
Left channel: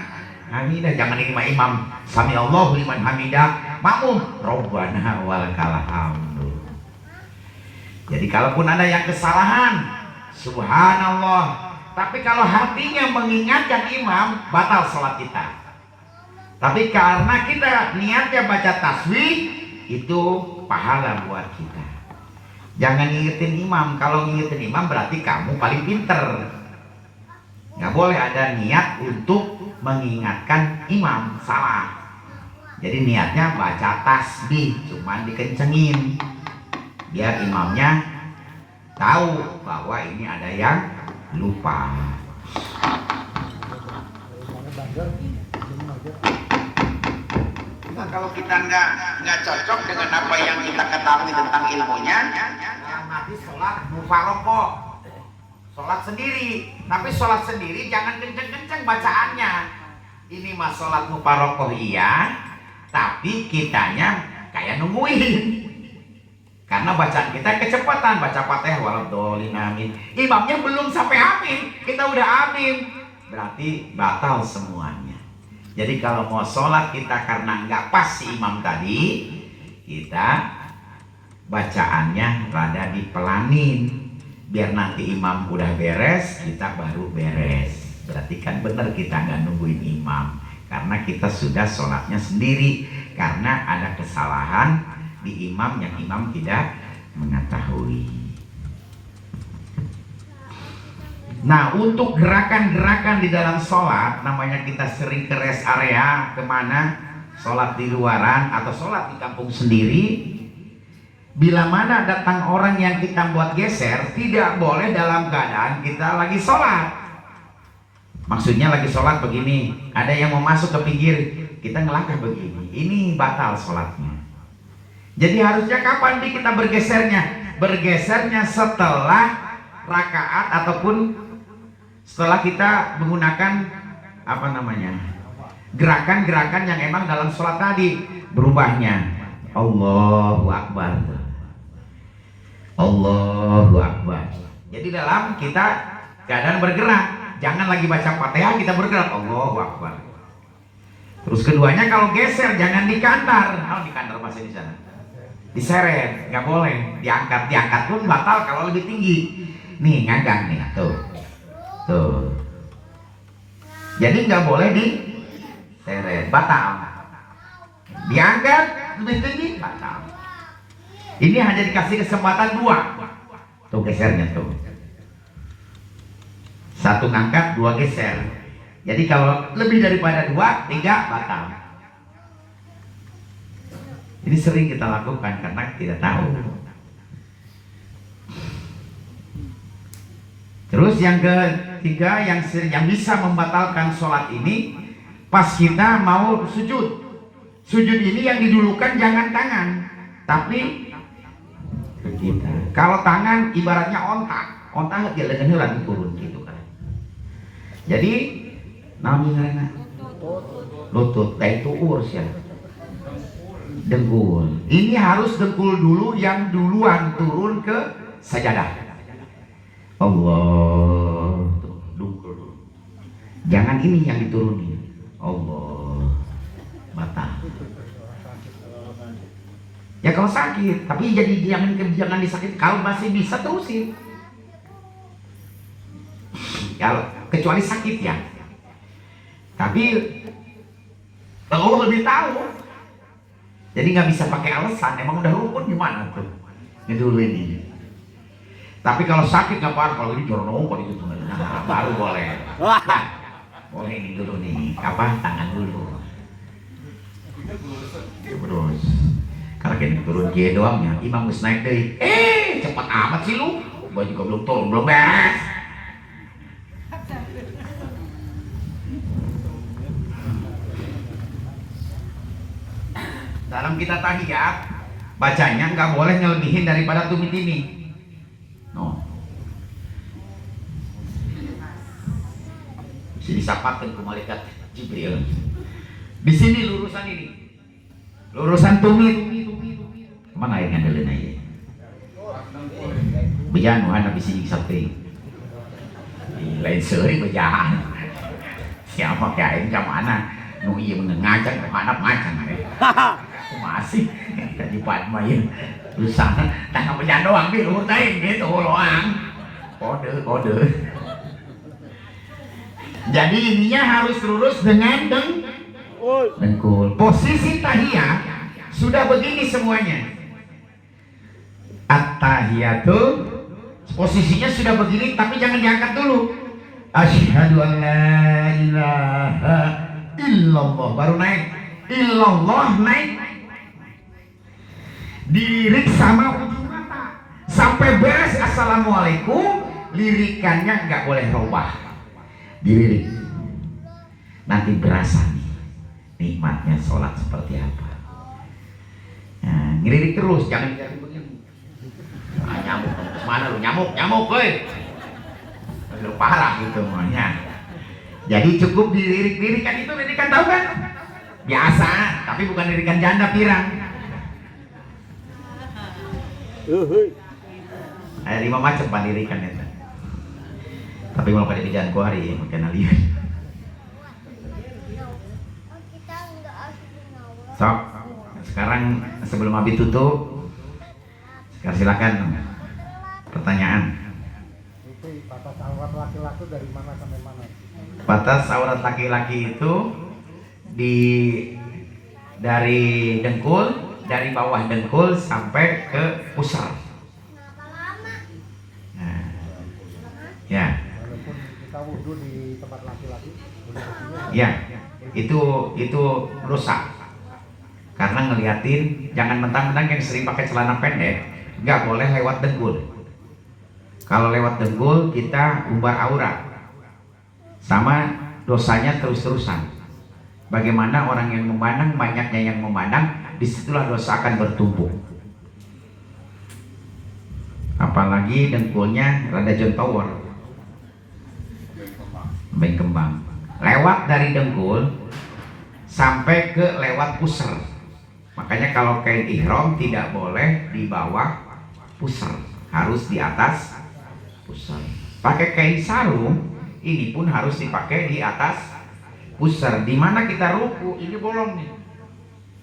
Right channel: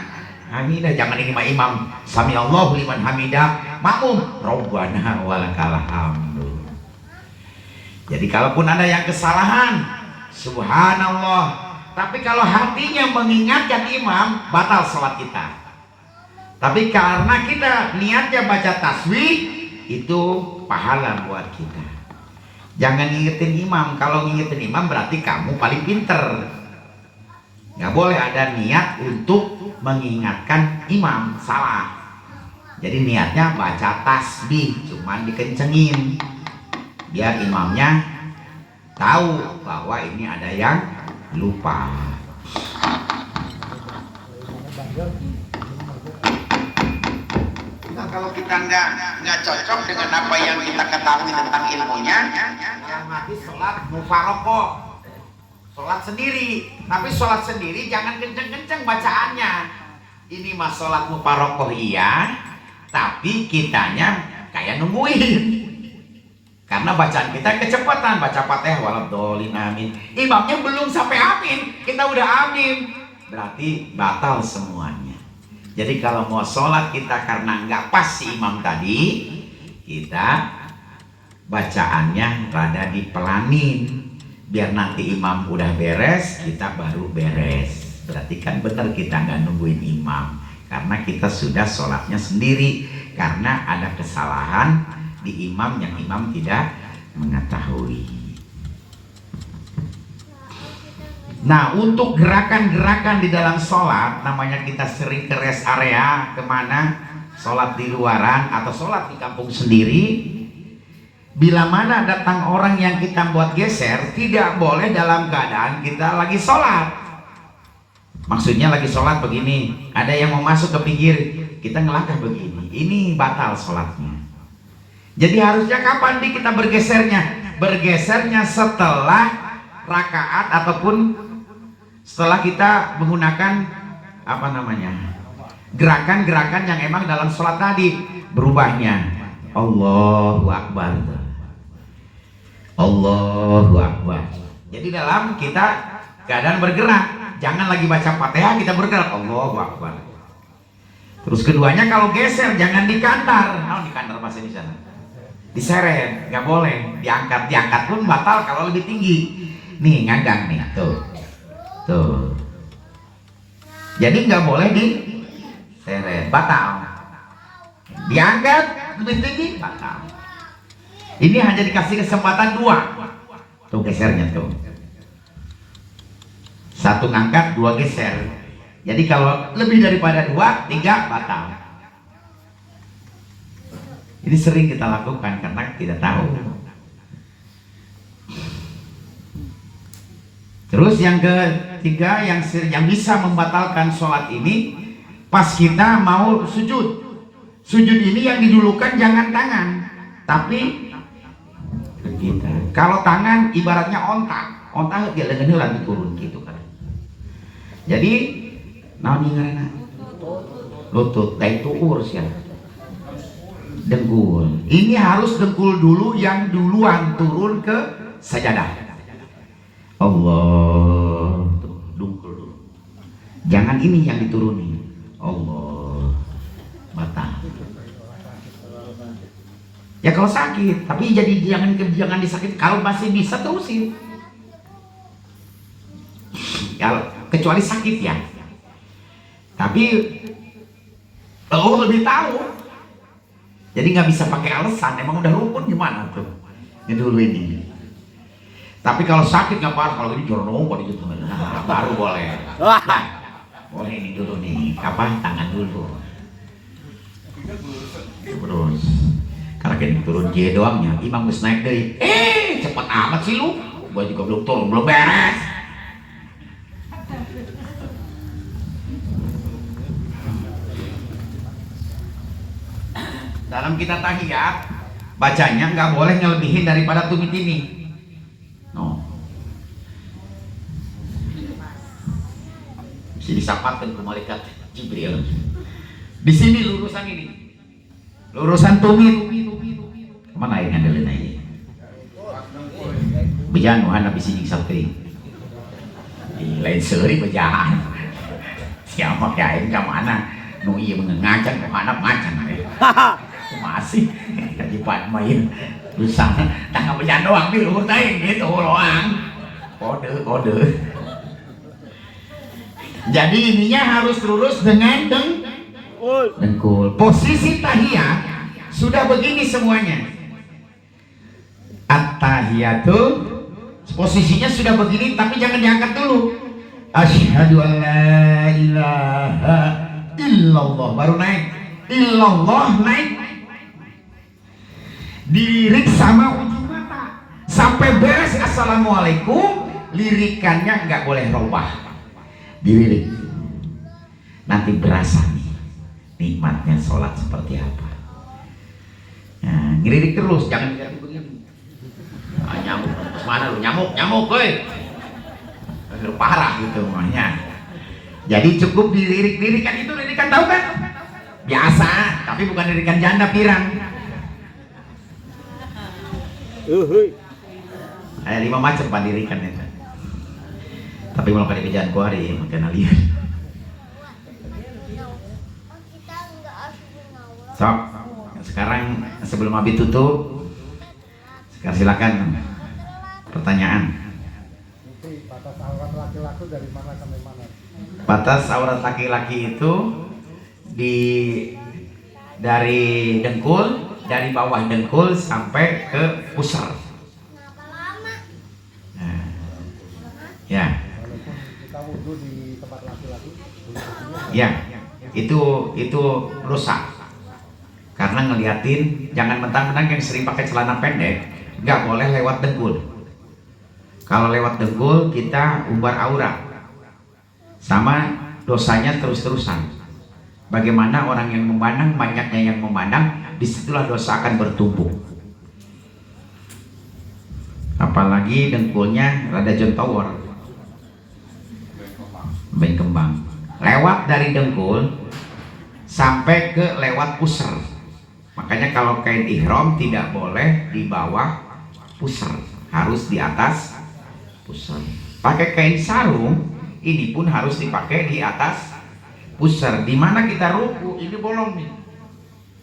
hamidah. Jangan ini imam sami Allahu liman hamidah, makmum Rabbana walakal hamdu. Jadi kalaupun ada yang kesalahan, subhanallah, tapi kalau hatinya mengingatkan imam, batal sholat kita. Tapi karena kita niatnya baca tasbih, itu pahala buat kita. Jangan ngingetin imam. Kalau ngingetin imam berarti kamu paling pinter. Nggak boleh ada niat untuk mengingatkan imam, salah. Jadi niatnya baca tasbih, cuman dikencengin biar imamnya tahu bahwa ini ada yang lupa. Nah, kalau kita nggak cocok dengan apa yang kita ketahui tentang ilmunya, yang mati sholat mufarokoh, sholat sendiri. Tapi sholat sendiri jangan kenceng-kenceng bacaannya. Ini mah sholat mufarokoh iya, tapi kitanya kayak nungguin. Karena bacaan kita kecepatan, baca Fatihah waladhdallin amin. Imamnya belum sampai amin, kita udah amin. Berarti batal semuanya. Jadi kalau mau sholat kita karena nggak pas si imam tadi, kita bacaannya rada dipelanin. Biar nanti imam udah beres, kita baru beres. Berarti kan benar kita nggak nungguin imam. Karena kita sudah sholatnya sendiri. Karena ada kesalahan di imam yang imam tidak mengetahui. Nah, untuk gerakan-gerakan di dalam sholat, namanya kita sering ke rest area, kemana, sholat di luaran atau sholat di kampung sendiri. Bila mana datang orang yang kita buat geser, tidak boleh dalam keadaan kita lagi sholat. Maksudnya lagi sholat begini, ada yang mau masuk ke pinggir, kita ngelangkah begini, ini batal sholatnya. Jadi harusnya kapan kita bergesernya? Bergesernya setelah rakaat ataupun setelah kita menggunakan apa namanya, gerakan-gerakan yang emang dalam sholat tadi. Berubahnya Allahu Akbar, Allahu Akbar. Jadi dalam kita keadaan bergerak, jangan lagi baca Fatihah kita bergerak Allahu Akbar. Terus keduanya kalau geser jangan dikantar. Kalau dikantar bahasa di sana, diseret, nggak boleh. Diangkat pun batal kalau lebih tinggi. Nih nganggang nih, tuh. Jadi nggak boleh diseret, batal. Diangkat lebih tinggi, batal. Ini hanya dikasih kesempatan 2. Tuh gesernya tuh. 1 ngangkat, 2 geser. Jadi kalau lebih daripada 2, 3 batal. Ini sering kita lakukan karena tidak tahu. Terus yang ketiga yang bisa membatalkan sholat ini, pas kita mau sujud. Sujud ini yang didulukan jangan tangan, tapi begitu. Kalau tangan ibaratnya onta dia lengannya lagi turun gitu kan. Jadi namanya lutut, itu urus ya. Dengkul. Ini harus dengkul dulu yang duluan turun ke sajadah. Allah, dengkul dulu. Jangan ini yang diturunin. Allah, batal. Ya kalau sakit, tapi jadi jangan disakit. Kalau masih bisa terusin. Kalau kecuali sakit ya. Tapi Allah lebih tahu. Jadi nggak bisa pakai alasan, emang udah rukun gimana tuh? Ini dulu ini. Tapi kalau sakit nggak apa-apa, kalau ini jorong itu baru boleh. Nah, boleh ini dulu nih, tangan dulu. Terus, kalau kayak turun J doangnya, imam harus naik deh. Cepat amat sih lu, gua juga belum turun, belum beres. Dalam kita tahiyat, bacanya nggak boleh ngelebihin daripada tumit ini. No. Bisa disapatkan ke malaikat Jibril. Di sini lurusan ini, lurusan tumit. Kemana yang ngandelin aja? Bejan, wahana bisa nyiksa teh. Lain seri bejan. Siapa kayak ini mana? Nu iya mengengacan, wahana macan ya. Masih tadi Pak main tulisannya tangan bejan doang di luhur teh gitu loang. Kode. Jadi ininya harus lurus dengan dengkul. Posisi tahiyat sudah begini semuanya. At-tahiyatu posisinya sudah begini, tapi jangan diangkat dulu. Asyhadu an la ilaha illallah, baru naik. Illallah naik. Diri sama ujung mata sampai beres assalamualaikum, lirikannya nggak boleh robah, dilirik. Nanti berasa nih nikmatnya sholat seperti apa. Nah, ngelirik terus, jangan diganti begini. Nah, nyamuk, mana lu nyamuk, woi. Parah gitu namanya. Jadi cukup dilirik-lirikan, itu lirikan tahu kan? Biasa, tapi bukan lirikan janda pirang. Ada 5 macam lirikan itu. Tapi mau pada kerjaan ku hari makin lihat. So, sekarang sebelum Abi tutup, silakan pertanyaan. Batas aurat laki-laki dari mana sampai mana? Batas aurat laki-laki itu dari dengkul, dari bawah dengkul sampai ke pusar. Nah, ya. Walaupun kita wudhu di tempat laki-laki, boleh begini. Ya, itu rusak. Karena ngeliatin, jangan mentang-mentang yang sering pakai celana pendek, nggak boleh lewat dengkul. Kalau lewat dengkul kita umbar aurat, sama dosanya terus-terusan. Bagaimana orang yang memandang, banyaknya yang memandang, disitulah dosa akan bertumbuh. Apalagi dengkulnya rada jontowor, kembang. Lewat dari dengkul sampai ke lewat pusar. Makanya kalau kain ihram tidak boleh di bawah pusar, harus di atas pusar. Pakai kain sarung ini pun harus dipakai di atas pusar. Dimana kita ruku ini bolong nih,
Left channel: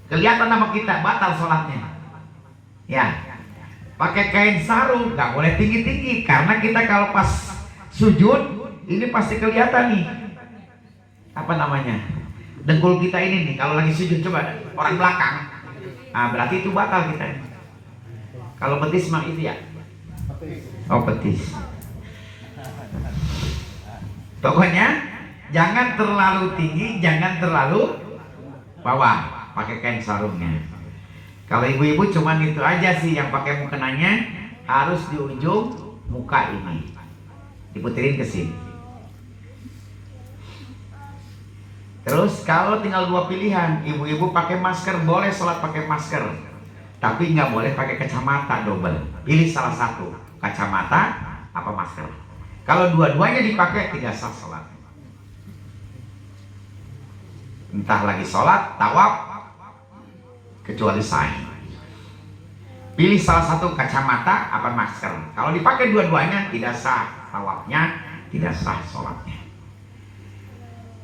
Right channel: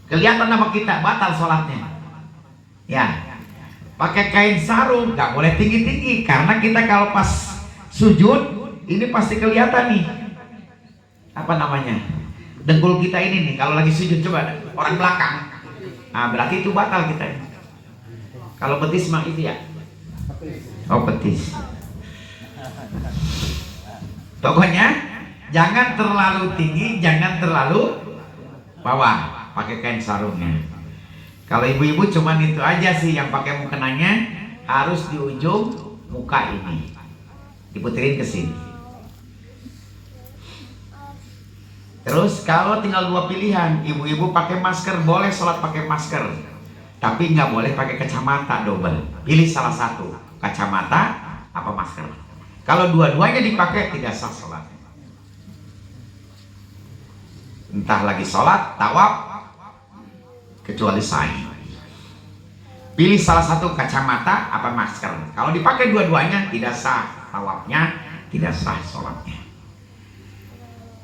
kelihatan nama kita, batal sholatnya. Ya, pakai kain sarung nggak boleh tinggi-tinggi, karena kita kalau pas sujud ini pasti kelihatan nih apa namanya, dengkul kita ini nih. Kalau lagi sujud coba orang belakang, nah berarti itu batal kita. Kalau betis mah itu ya, oh betis. Pokoknya jangan terlalu tinggi, jangan terlalu bawah, pakai kain sarungnya. Kalau ibu-ibu cuman itu aja sih yang pakai mukenanya, harus di ujung muka ini diputerin ke sini. Terus kalau tinggal 2 pilihan, ibu-ibu pakai masker, boleh sholat pakai masker, tapi nggak boleh pakai kacamata double. Pilih salah satu, kacamata apa masker. Kalau dua-duanya dipakai tidak sah sholat. Entah lagi sholat, tawaf, kecuali sa'i. Pilih salah satu, kacamata apa masker. Kalau dipakai dua-duanya tidak sah tawafnya, tidak sah sholatnya.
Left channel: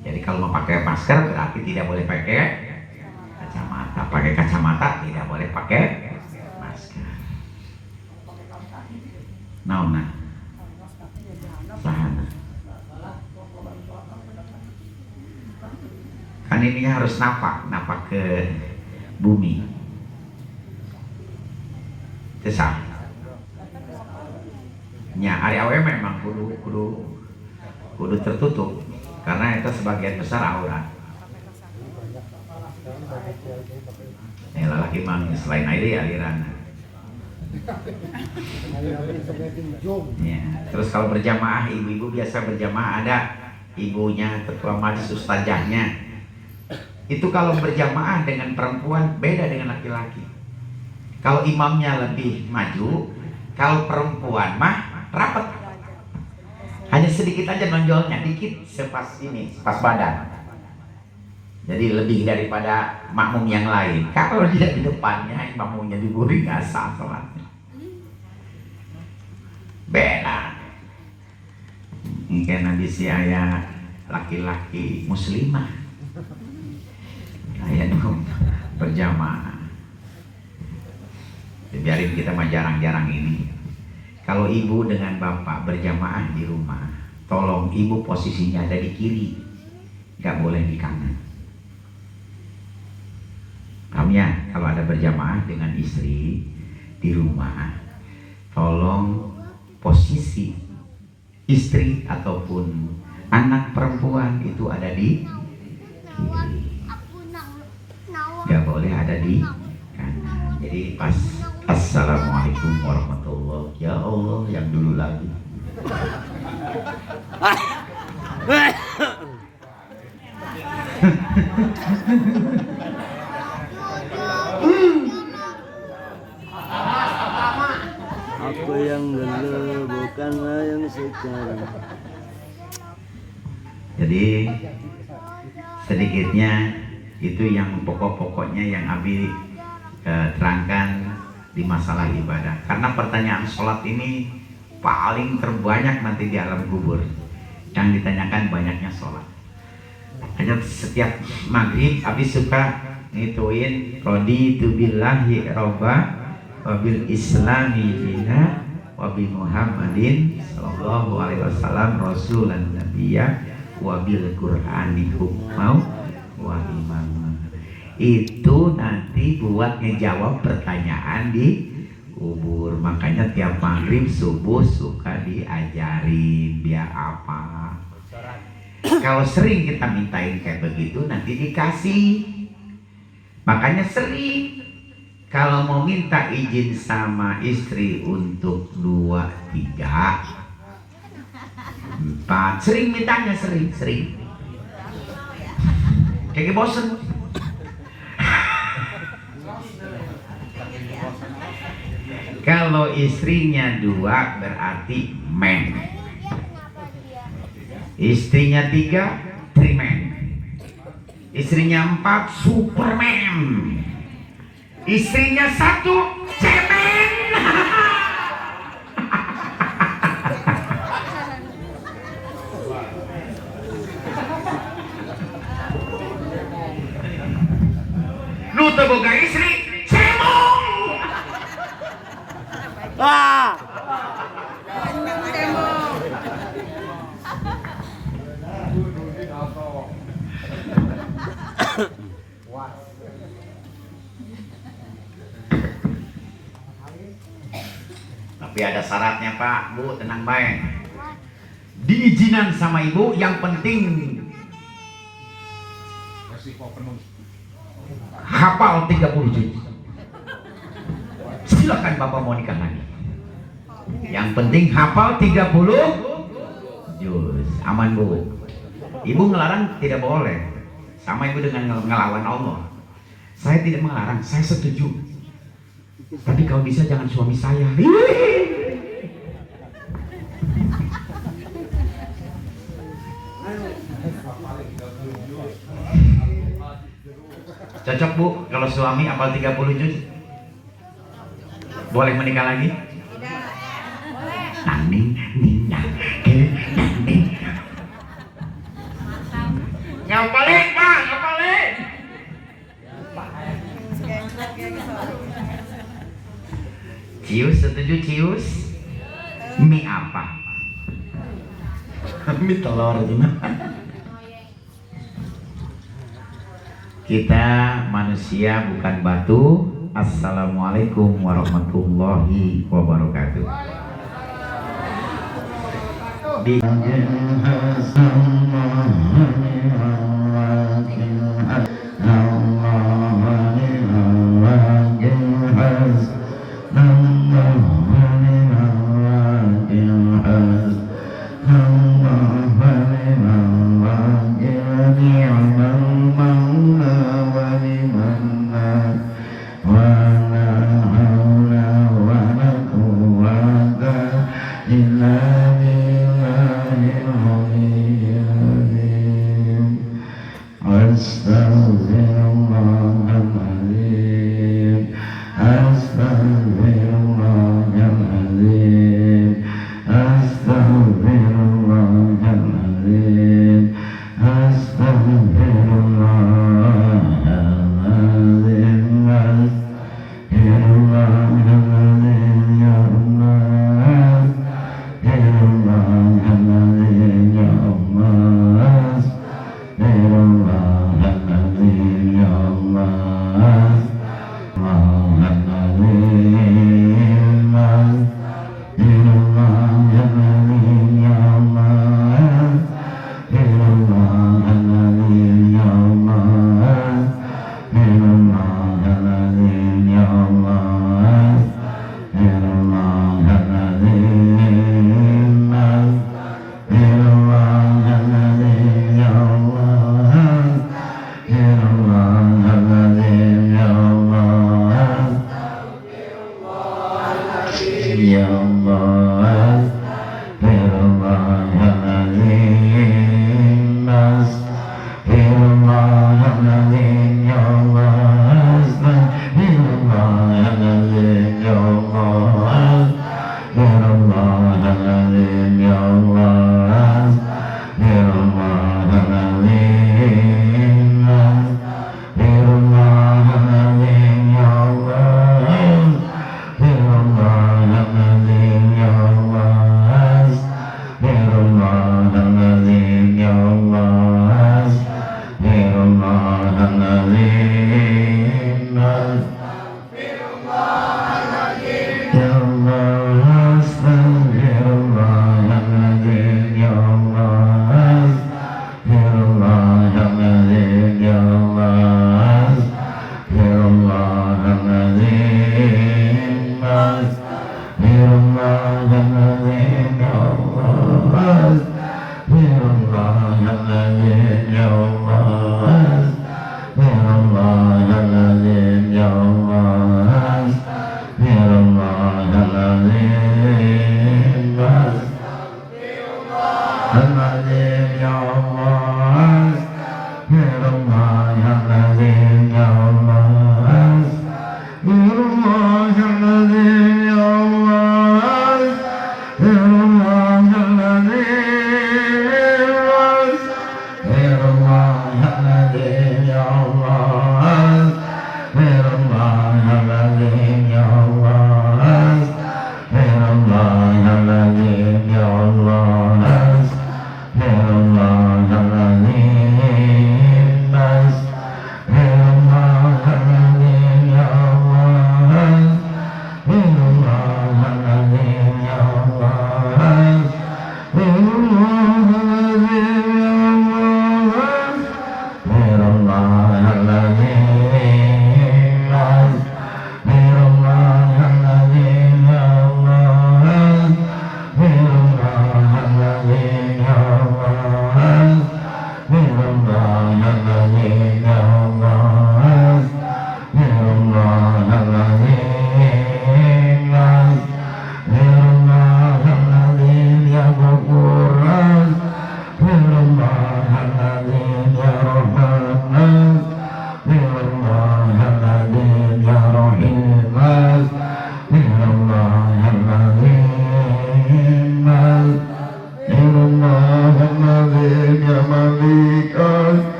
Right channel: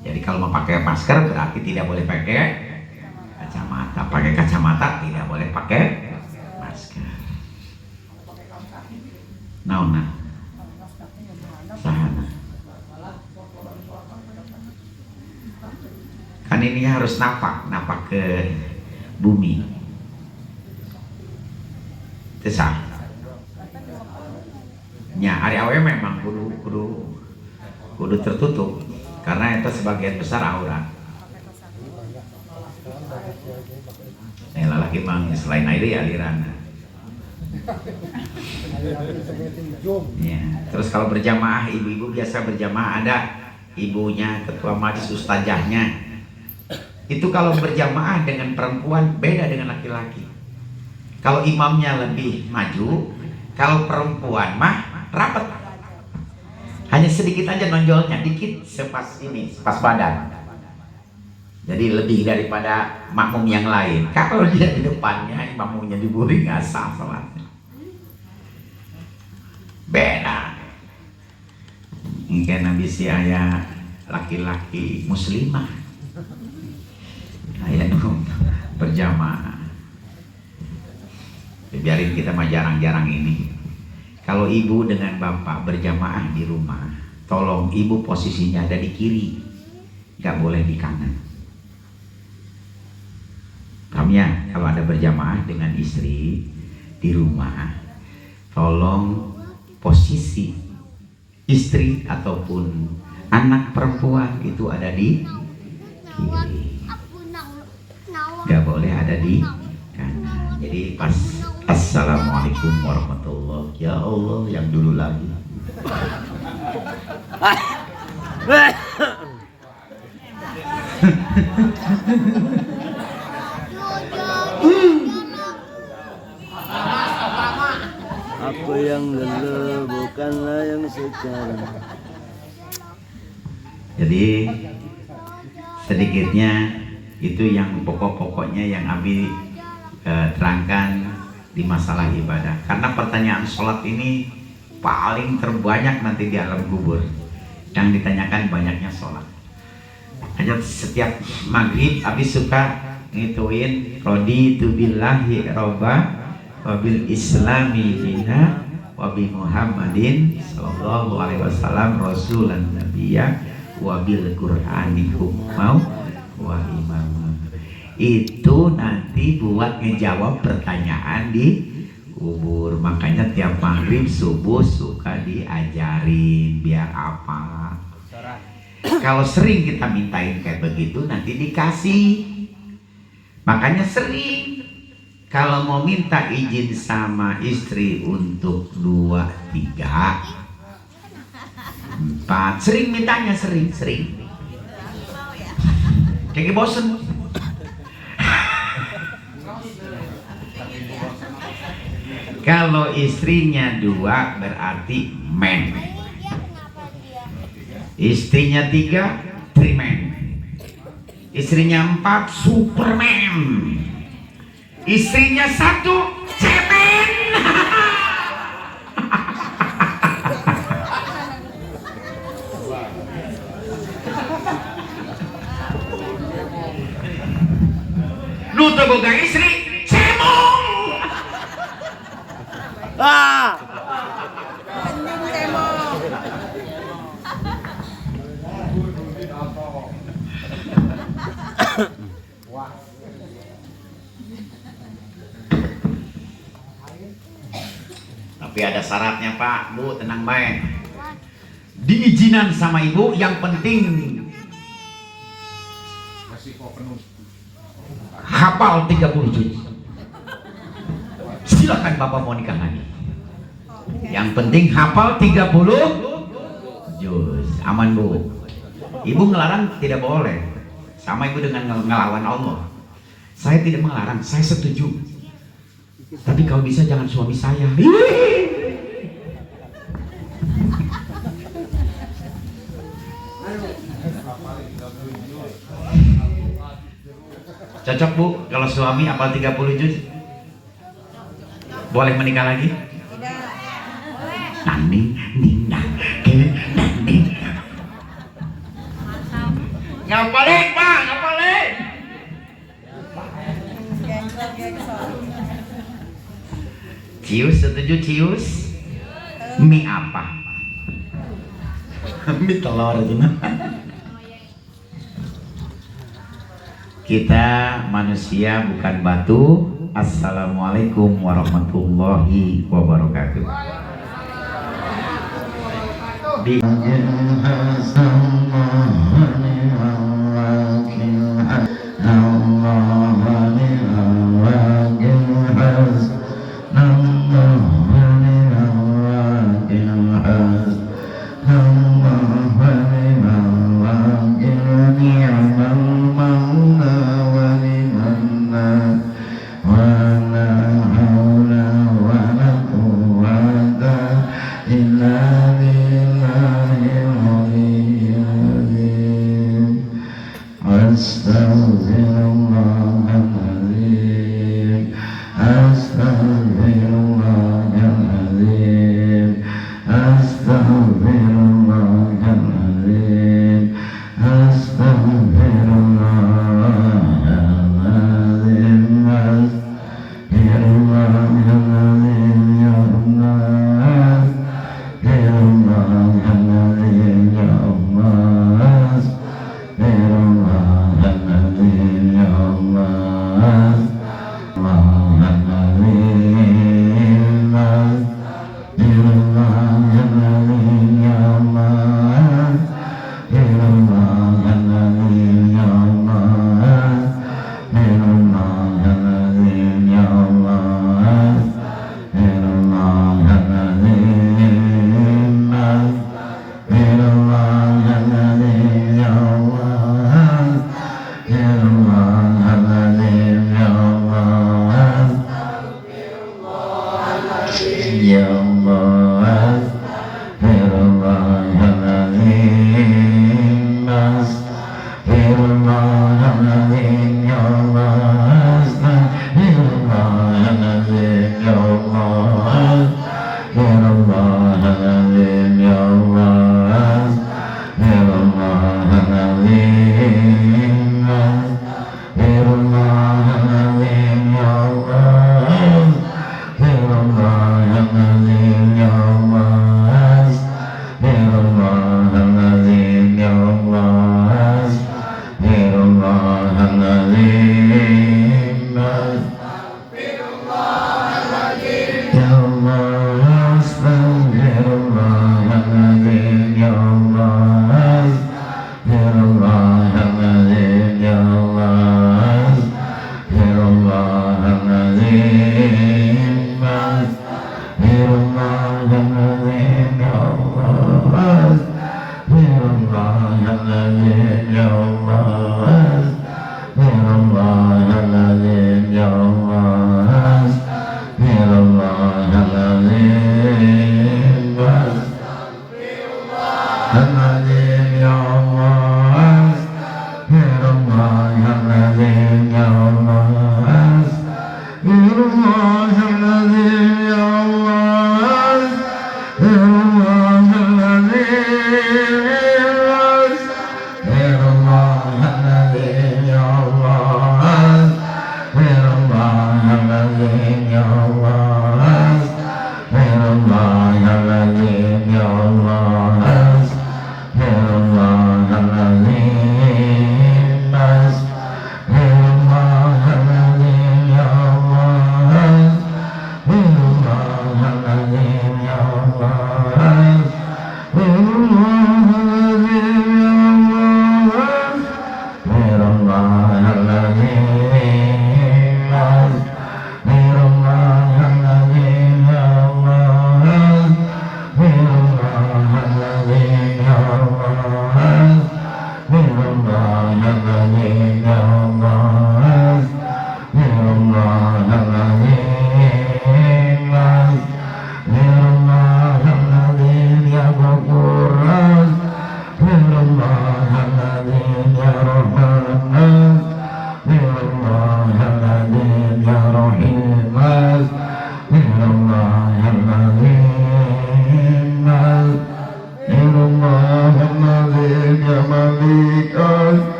Jadi kalau mau pakai masker berarti tidak boleh pakai kacamata. Pakai kacamata tidak boleh pakai masker. Nah. Sahana. Kan ini harus napak ke bumi. Itu sah. Ya, hari awal memang kudu tertutup, karena itu sebagian besar aurat. Lelaki mang selain air aliran. Ya. Terus kalau berjamaah, ibu-ibu biasa berjamaah, ada ibunya, ketua majelis, ustazahnya. Itu kalau berjamaah dengan perempuan beda dengan laki-laki. Kalau imamnya lebih maju, kalau perempuan mah rapat. Hanya sedikit aja nonjolnya, dikit sepas badan. Jadi lebih daripada makmum yang lain. Kalau dia di depannya, makmumnya diburi, nggak sah sholatnya. Beda. Mungkin nabi si ayah laki-laki muslimah, ayah berjamaah. Biarin kita mah jarang-jarang ini. Kalau ibu dengan bapak berjamaah di rumah, tolong ibu posisinya ada di kiri, nggak boleh di kanan. Paham ya? Kalau ada berjamaah dengan istri di rumah, tolong posisi istri ataupun anak perempuan itu ada di kiri, nggak boleh ada di kanan. Jadi pas assalamualaikum Assalamualaikum warahmatullahi. Ya Allah, yang dulu lagi. Apa yang dulu bukanlah yang sekarang. Jadi sedikitnya itu yang pokok-pokoknya yang Abi terangkan di masalah ibadah. Karena pertanyaan sholat ini paling terbanyak nanti di alam kubur. Yang ditanyakan banyaknya sholat. Hanya setiap maghrib Abi suka ngituin raditu billahi robba wabil islami dina wabi Muhammadin sallallahu alaihi wasallam rasulan nabiyya wabil qur'ani hukmau wa imam. Itu nanti buat ngejawab pertanyaan di kubur. Makanya tiap maghrib subuh suka diajarin biar apa. Kalau sering kita mintain kayak begitu nanti dikasih. Makanya sering kalau mau minta izin sama istri untuk 2, 3, 4, sering mintanya, sering. Kayak bosen. Kalau istrinya 2 berarti men. Istrinya 3 trimen. Istrinya 4 superman. Istrinya 1 cemen. Lu tuh boga istri cemong. Wah. Tapi ada syaratnya Pak, Bu, tenang baik. Diizinan sama ibu, yang penting Resiko penuh. hafal 30 juz. Silakan Bapak mau nikah lagi. Yang penting hafal 30 juz. Aman Bu. Ibu ngelarang tidak boleh. Sama ibu dengan ngelawan Allah. Saya tidak melarang, saya setuju. Tapi kalau bisa jangan suami saya. Cocok Bu, kalau suami hafal 30 juz? Boleh menikah lagi? Nanding, nindang, nanding. Ngapalin Pak, ngapalin. Cius, setuju cius? Mie apa? Mie telur itu mah. Kita manusia bukan batu. Assalamualaikum warahmatullahi wabarakatuh. Allah Astaghfirullahaladzim ya Allah. Ya Allah. Astaghfirullahaladzim. Astaghfirullahaladzim ya Allah. Astaghfirullahaladzim ya Allah. Astaghfirullahaladzim ya Allah. Astaghfirullahaladzim. Astaghfirullahaladzim.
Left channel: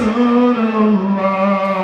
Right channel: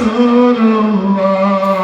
Rasulullah, la illallah Muhammad Rasulullah, la ilaha illallah, Allah la ilaha illallah, la ilaha illallah, la ilaha illallah, la ilaha illallah, la ilaha illallah, la ilaha illallah, la ilaha illallah, la ilaha illallah, la ilaha illallah, la ilaha illallah, la ilaha illallah, la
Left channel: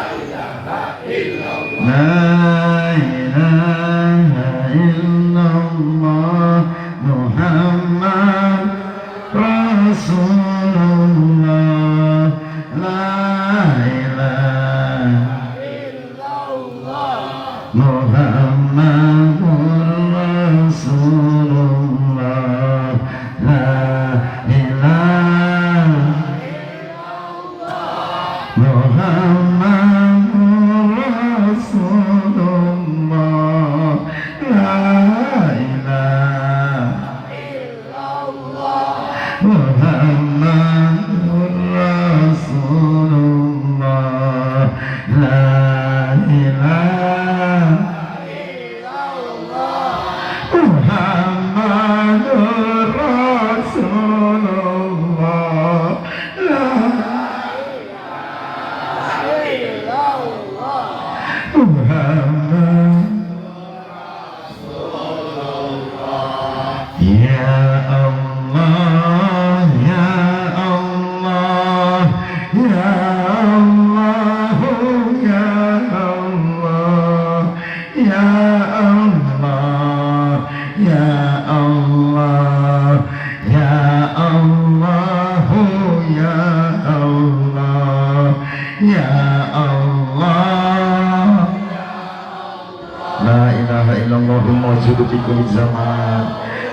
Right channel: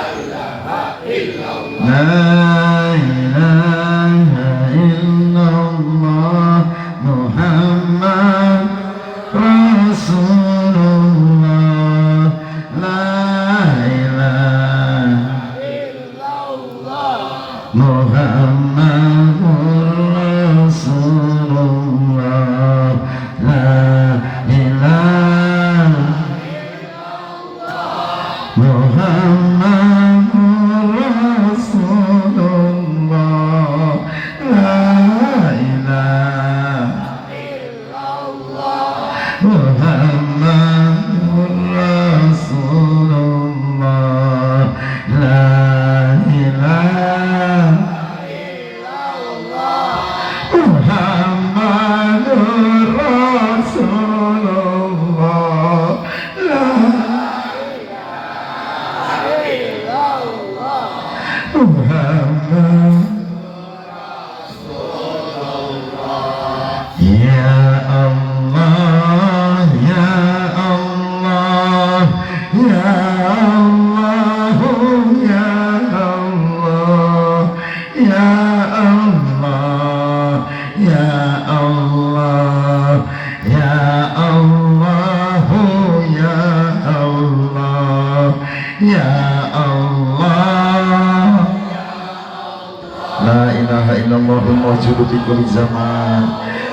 ilaha illallah, la ilaha illallah Muhammad Rasulullah. ma'budu fi kulli zaman.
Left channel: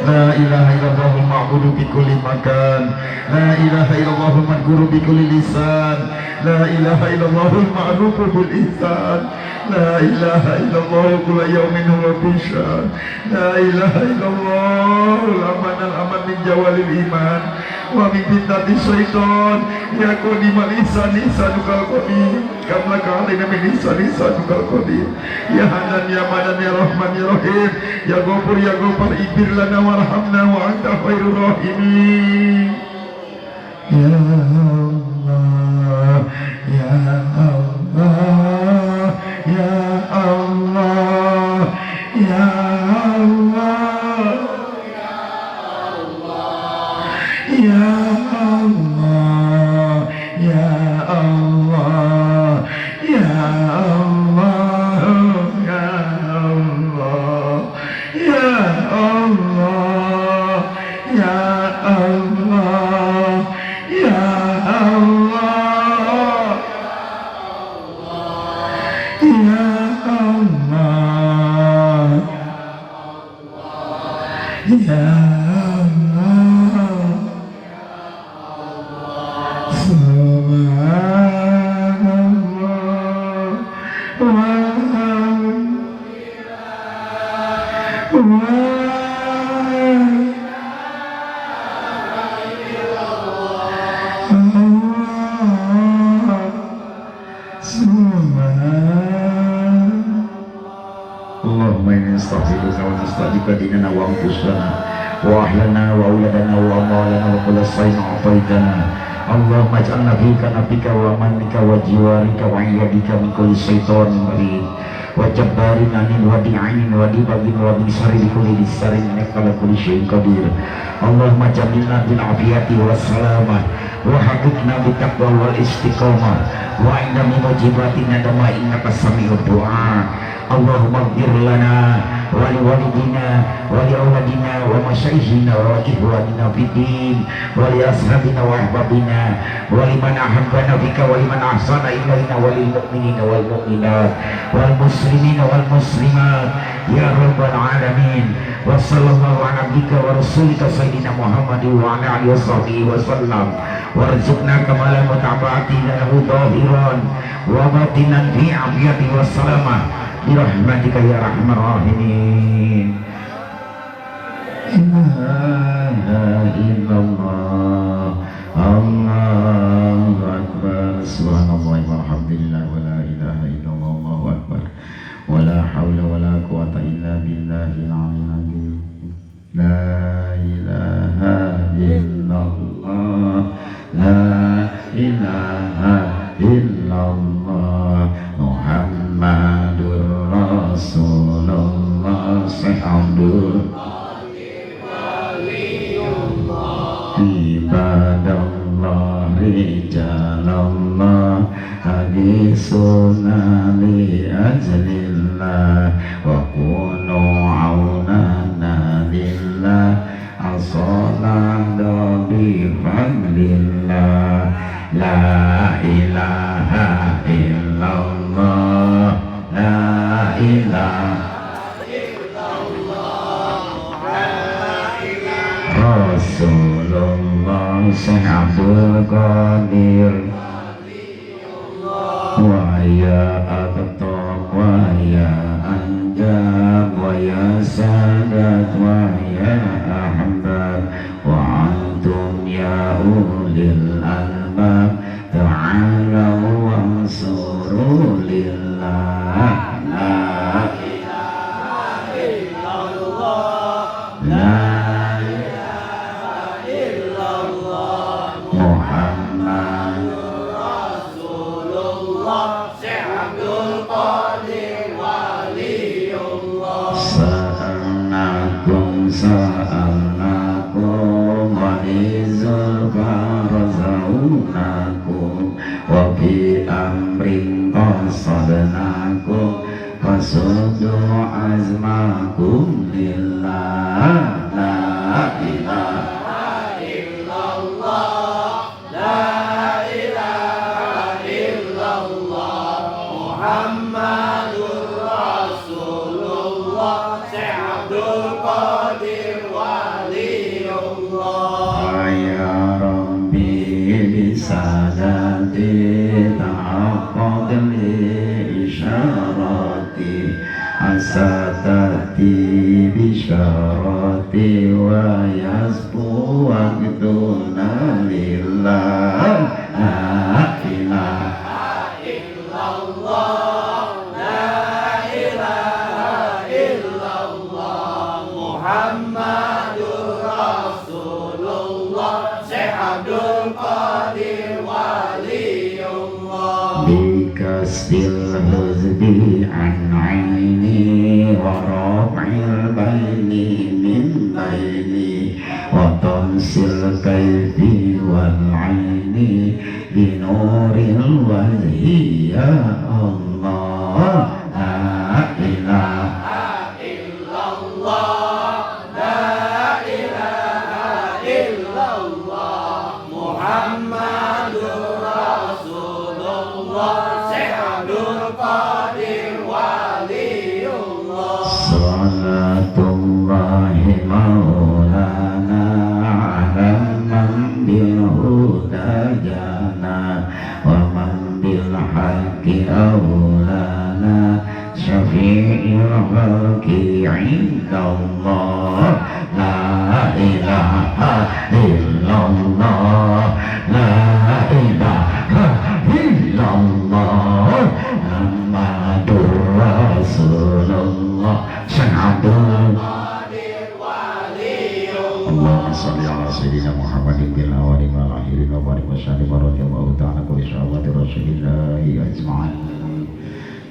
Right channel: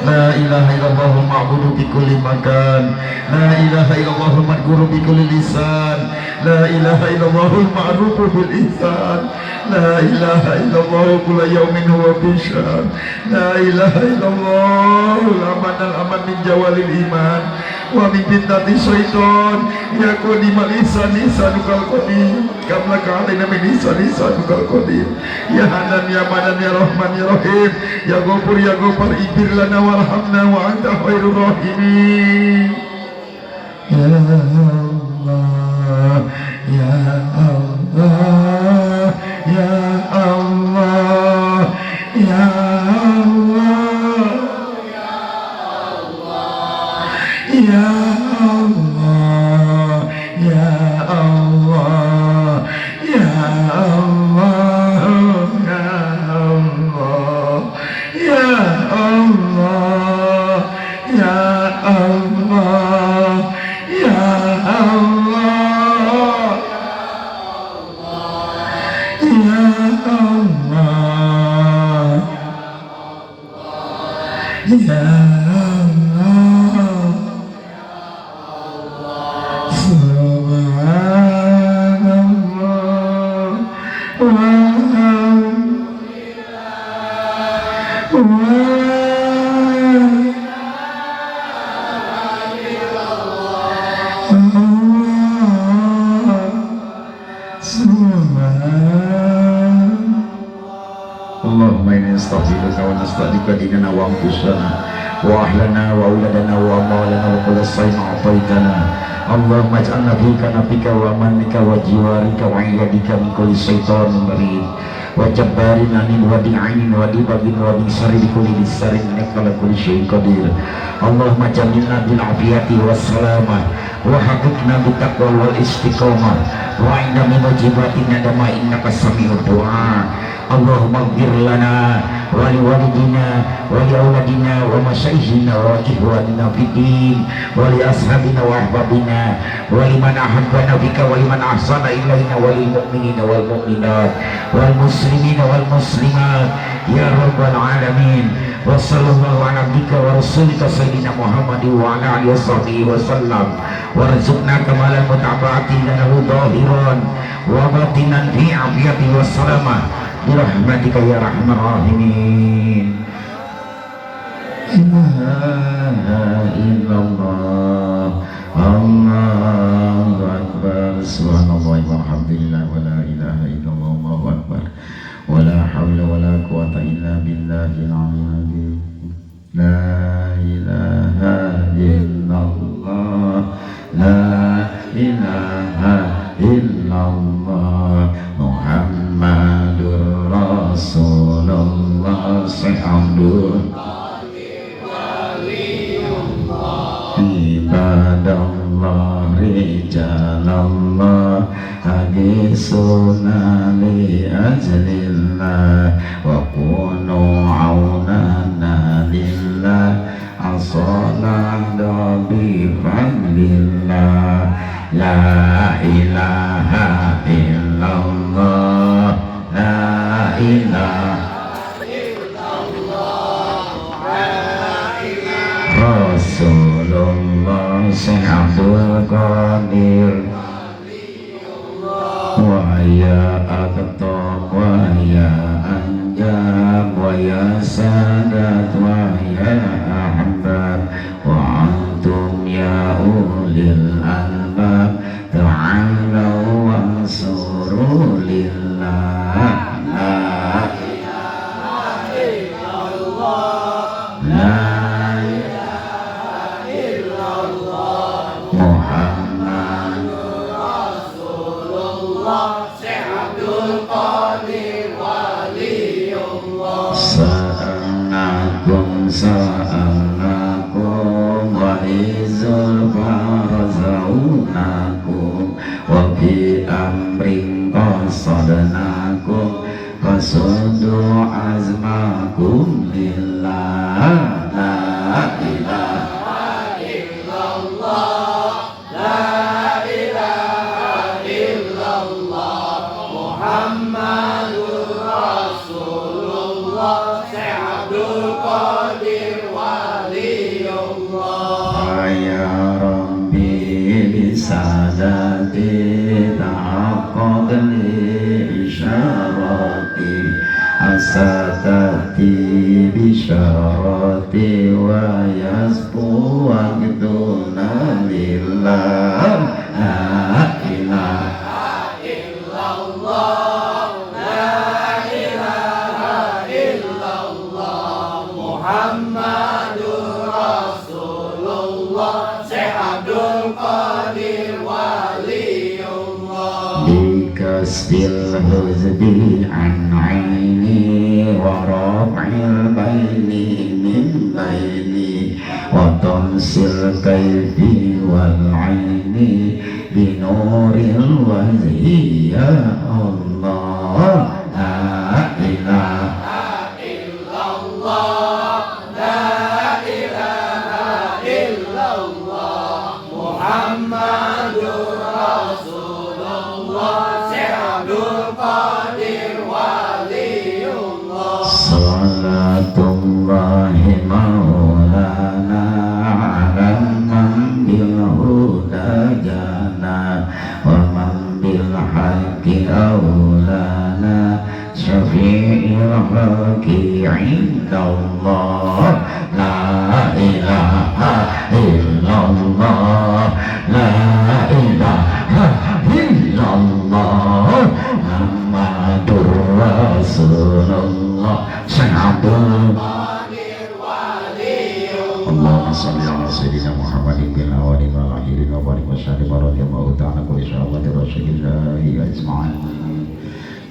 La ilaha illallahul ma'budu fi kulli makan. La ilaha illallahul madhkuru bi kulli lisan. La ilaha illallahul ma'rufu bil ihsan. La ilaha illallah kulla yawmin huwa bushra. La ilaha illallah aman al-aman min jawalil iman wa min fitnati syaitan. Ya qadimal ihsan ihsanukal qadim kamla ka'alaina min ihsan ihsanukal qadim. Ya hanan ya manan ya rahman ya rahim. Ya ghafur ya ghafar ighfir lana warhamna wa anta khairur rahimin. Ya Allah, ya Allah, ya Allah, ya Allah, ya Allah, ya Allah, ya Allah, ya Allah, ya Allah, ya Allah, ya Allah, ya Allah, Subhanallah, Allahumma inna nastaghfiruka wa nastaghfiruka dinana wa anfusana wa ahlana wa auladana wa amalana wa kulla shay'in a'taitana. Allahumma ij'alna fika nabika wa amanika wa jiwarika wa iyadika min kulli syaitanir marid wa jabbarin anin wa din'ainin wa dibagin wa din syarri kulli lisanin innaka ala kulli syai'in qadir. Allahumma jannibna bil afiyati was salamah wa haqiqna bit taqwa wal istiqamah wa inna min wajibatina dama innaka sami'ud du'a. Allahumma ighfir lana wa li walidina wa li auladina wa masyayikhina wa ikhwanina fid din wa li ashabina wa ahbabina wa liman ahabbana bika wa liman ahsana ilaina wa lil mu'minina wal mu'minat wal muslimina wal muslimat ya rabbal alamin. Wa sallallahu ala abdika wa rasulika sayyidina Muhammadin wa ala alihi washabihi wasallam warzuqna kamalan mutaba'ati lahu dhahiran wa batinan fi afiyati wassalamah birahmatika ya rahman rahimin. Ilaha illallah, Allahu akbar, subhanallah walhamdulillah wa la ilaha illallah, Allahu akbar, wa la hawla wa la quwata illa billahil aliyyil azim. La ilaha illallah, la ilaha illallah, Muhammadur Rasulullah Sayyidul Ibadallah Rijalallah Hadisuna li ajlillah wa kunu aunana lillah asalada bi fadlillah. La ilaha illallah, la ilaha Rasulullah Abdul Qadir wa ya Aqtab wa ya Anjab wa ya Sadat wa ya Ahbab wa antum ya ulil albab ta'alau wa suru lillah. La ilaha illallah, la Muhammadur Rasulullah حاجاتي تحقق لإشاراتي عسى تأتي بشاراتي ويسبو وقتنا لله لا إله إلا الله لا إله إلا الله محمد رسول الله Syekh Abdul Qadir Waliullah بكسر الحزب عن عيني ورفع البين من بيني وطمس الكيف والعين بنور الوجه يا الله لا إله إلا الله لا إله إلا الله محمد رسول الله Syekh Abdul Qadir Waliullah Salatullahi maulana ala man bilhuda jana wa man bilhaqqi aulana syafi'il khalqi indallah la ilaha illallah la ilaha illallah Muhammadur Rasulullah Syahadul Allahumma salli ala sayyidina Muhammadin bil awwalin wal akhirin wa barik wa sallim wa radiyallahu ta'ala kulli sahabati rasulillahi ajma'in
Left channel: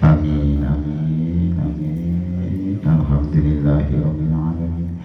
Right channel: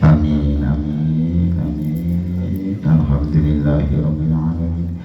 amin amin amin alhamdulillahi rabbil alamin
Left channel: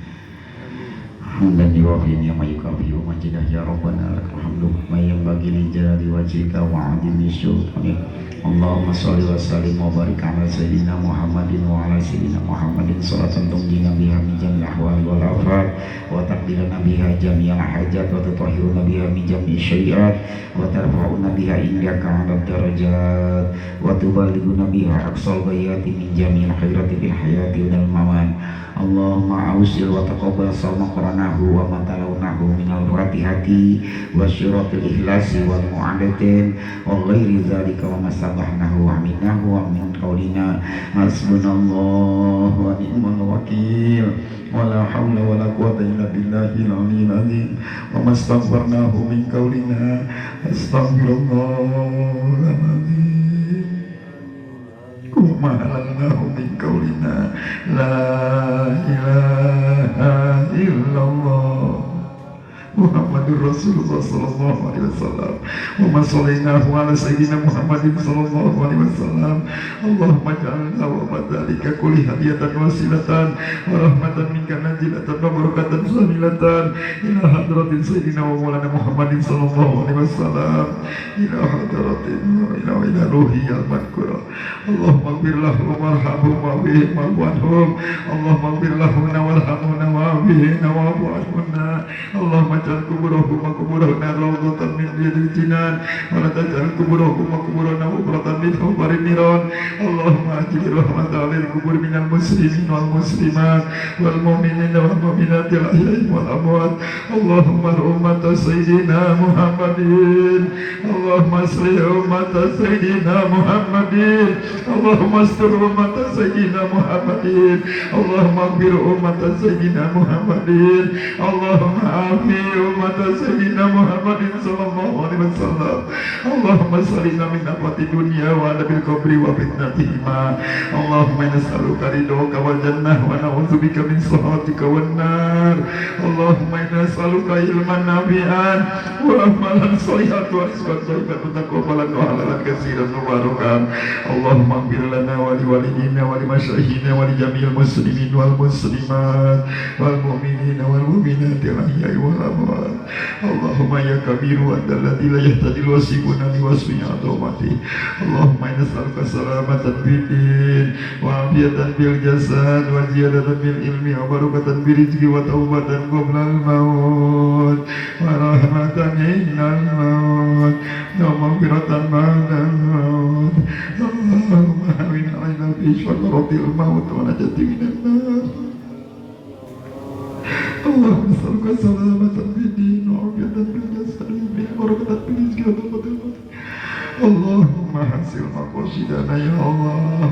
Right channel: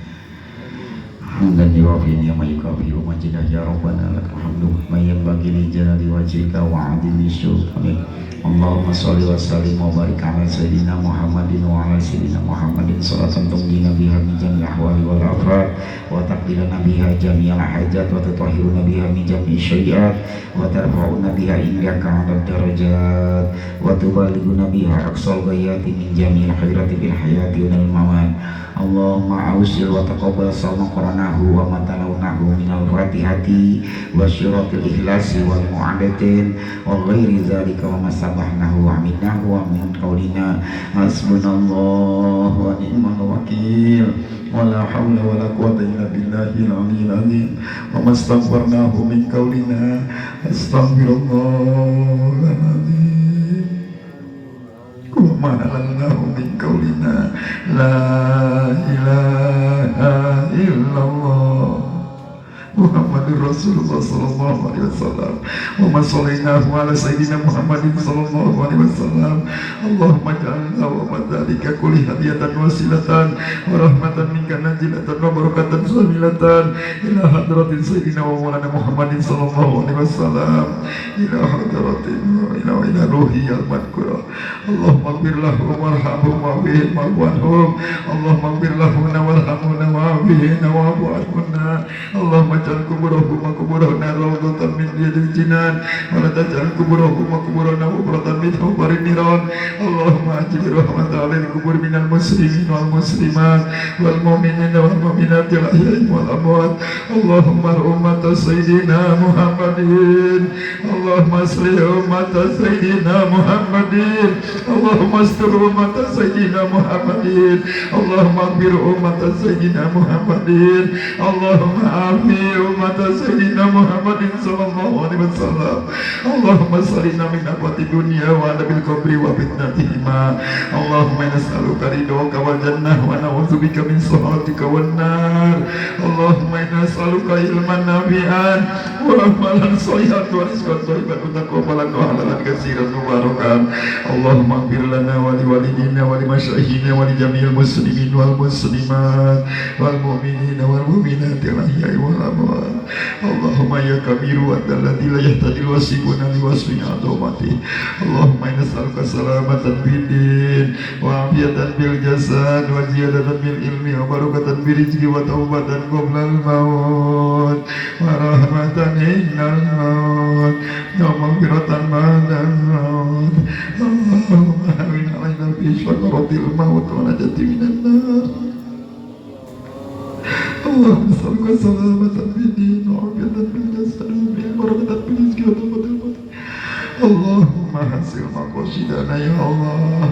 hamdan yuwafi ni'ma yukafi wa majidah ya rabbana lakal hamdu ma yanbaghi li jalali wajhika wa 'azimi sultanik Allahumma sholli wa sallim wa barik ala sayyidina Muhammadin wa ala sayyidina Muhammadin sholatan tunjina biha min jami'il ahwali wal afat wa taqdilana biha jami'al hajat wa tutahhiruna biha min jami'i syai'at wa tarfa'una biha indaka 'ala darajat wa tuballighuna biha aqsal ghayati min jami'il khairati bil hayati wal mamat Allahumma awsil wa taqabbal salma qaranahu wa matalawnahu minal fatihati wa syiratil ikhlasi wal mu'adatin wa ghairi zalika wa masabahnahu wa aminahu wa min qawlina hasbunallahu wa ni'mal wakil wa la hawla wa la quwwata illa billahil aliyyil azim wa mastaghfarnahu min qawlina astaghfirullahaladzim wa ma'alallahu min qawlina la ilaha illallah Muhammadur Rasulullah sallallahu alaihi wasallam wa sallallahu ala sayyidina Muhammadin sallallahu alaihi wasallam Allahumma ja'alna wa madalika kulli hadiyatan wasilatan wa rahmatan minka najilatan wa barakatan samilatan ila hadratin sayyidina wa maulana Muhammadin sallallahu alaihi wasallam ila hadratin ila ruhi al-madkura Allahumma ighfir lahum warhamhum wa bihim wa'fu Allahumma ighfir lahum warhamhum wa bihim wa'fu Allahumma ja'al kuburahum wa kuburahna rawdatan min riyadil jinan wa la taj'al kuburahum wa kuburahna hubratan min hubarin niran Allahumma ajil rahmatan 'alal kubur minal muslimin wal muslimat wal mu'minina wal mu'minat al ahya'i wal amwat Allahumma ummat sayyidina Muhammadin Allahumma asli ummat sayyidina Muhammadin Allahumma astur ummat sayyidina Muhammadin Allahumma aghfir ummat sayyidina Muhammadin Allahumma afi umat sayyidina Muhammadin sallallahu alaihi wasallam Allahumma salina min afati dunya wa adabil qabri wa fitnatihima Allahumma nas'aluka ridhoka wal jannah wa na'udzubika min sakhatika wan nar Allahumma nas'aluka ilman nafi'an wa amalan shalihan wa rizqan thayyiban wa taqabbalan wa halalan katsiran mubarakan Allahumma ighfir lana wa li walidina wa li masyayikhina wa li jami'il muslimin wal muslimat wal mu'minina wal mu'minat al ahya'i wal amwat Allahumma ya kabiru adzalladzi la yahtajil wasifuna li wasfi adamati Allahumma inna nas'aluka salamatan fid din wa afiyatan bil jasad wa ziyadatan bil ilmi wa barakatan bil rizqi wa taubatan qabla al maut wa rahmatan innal maut wa maghfiratan ba'da al maut Allahumma hawin 'alaina fi syakaratil maut wa najati minan nar Allahumma salli salamatan fid din wa afiyatan bil jasad wa barakatan bil rizqi wa taubatan maqasidana ya Allah.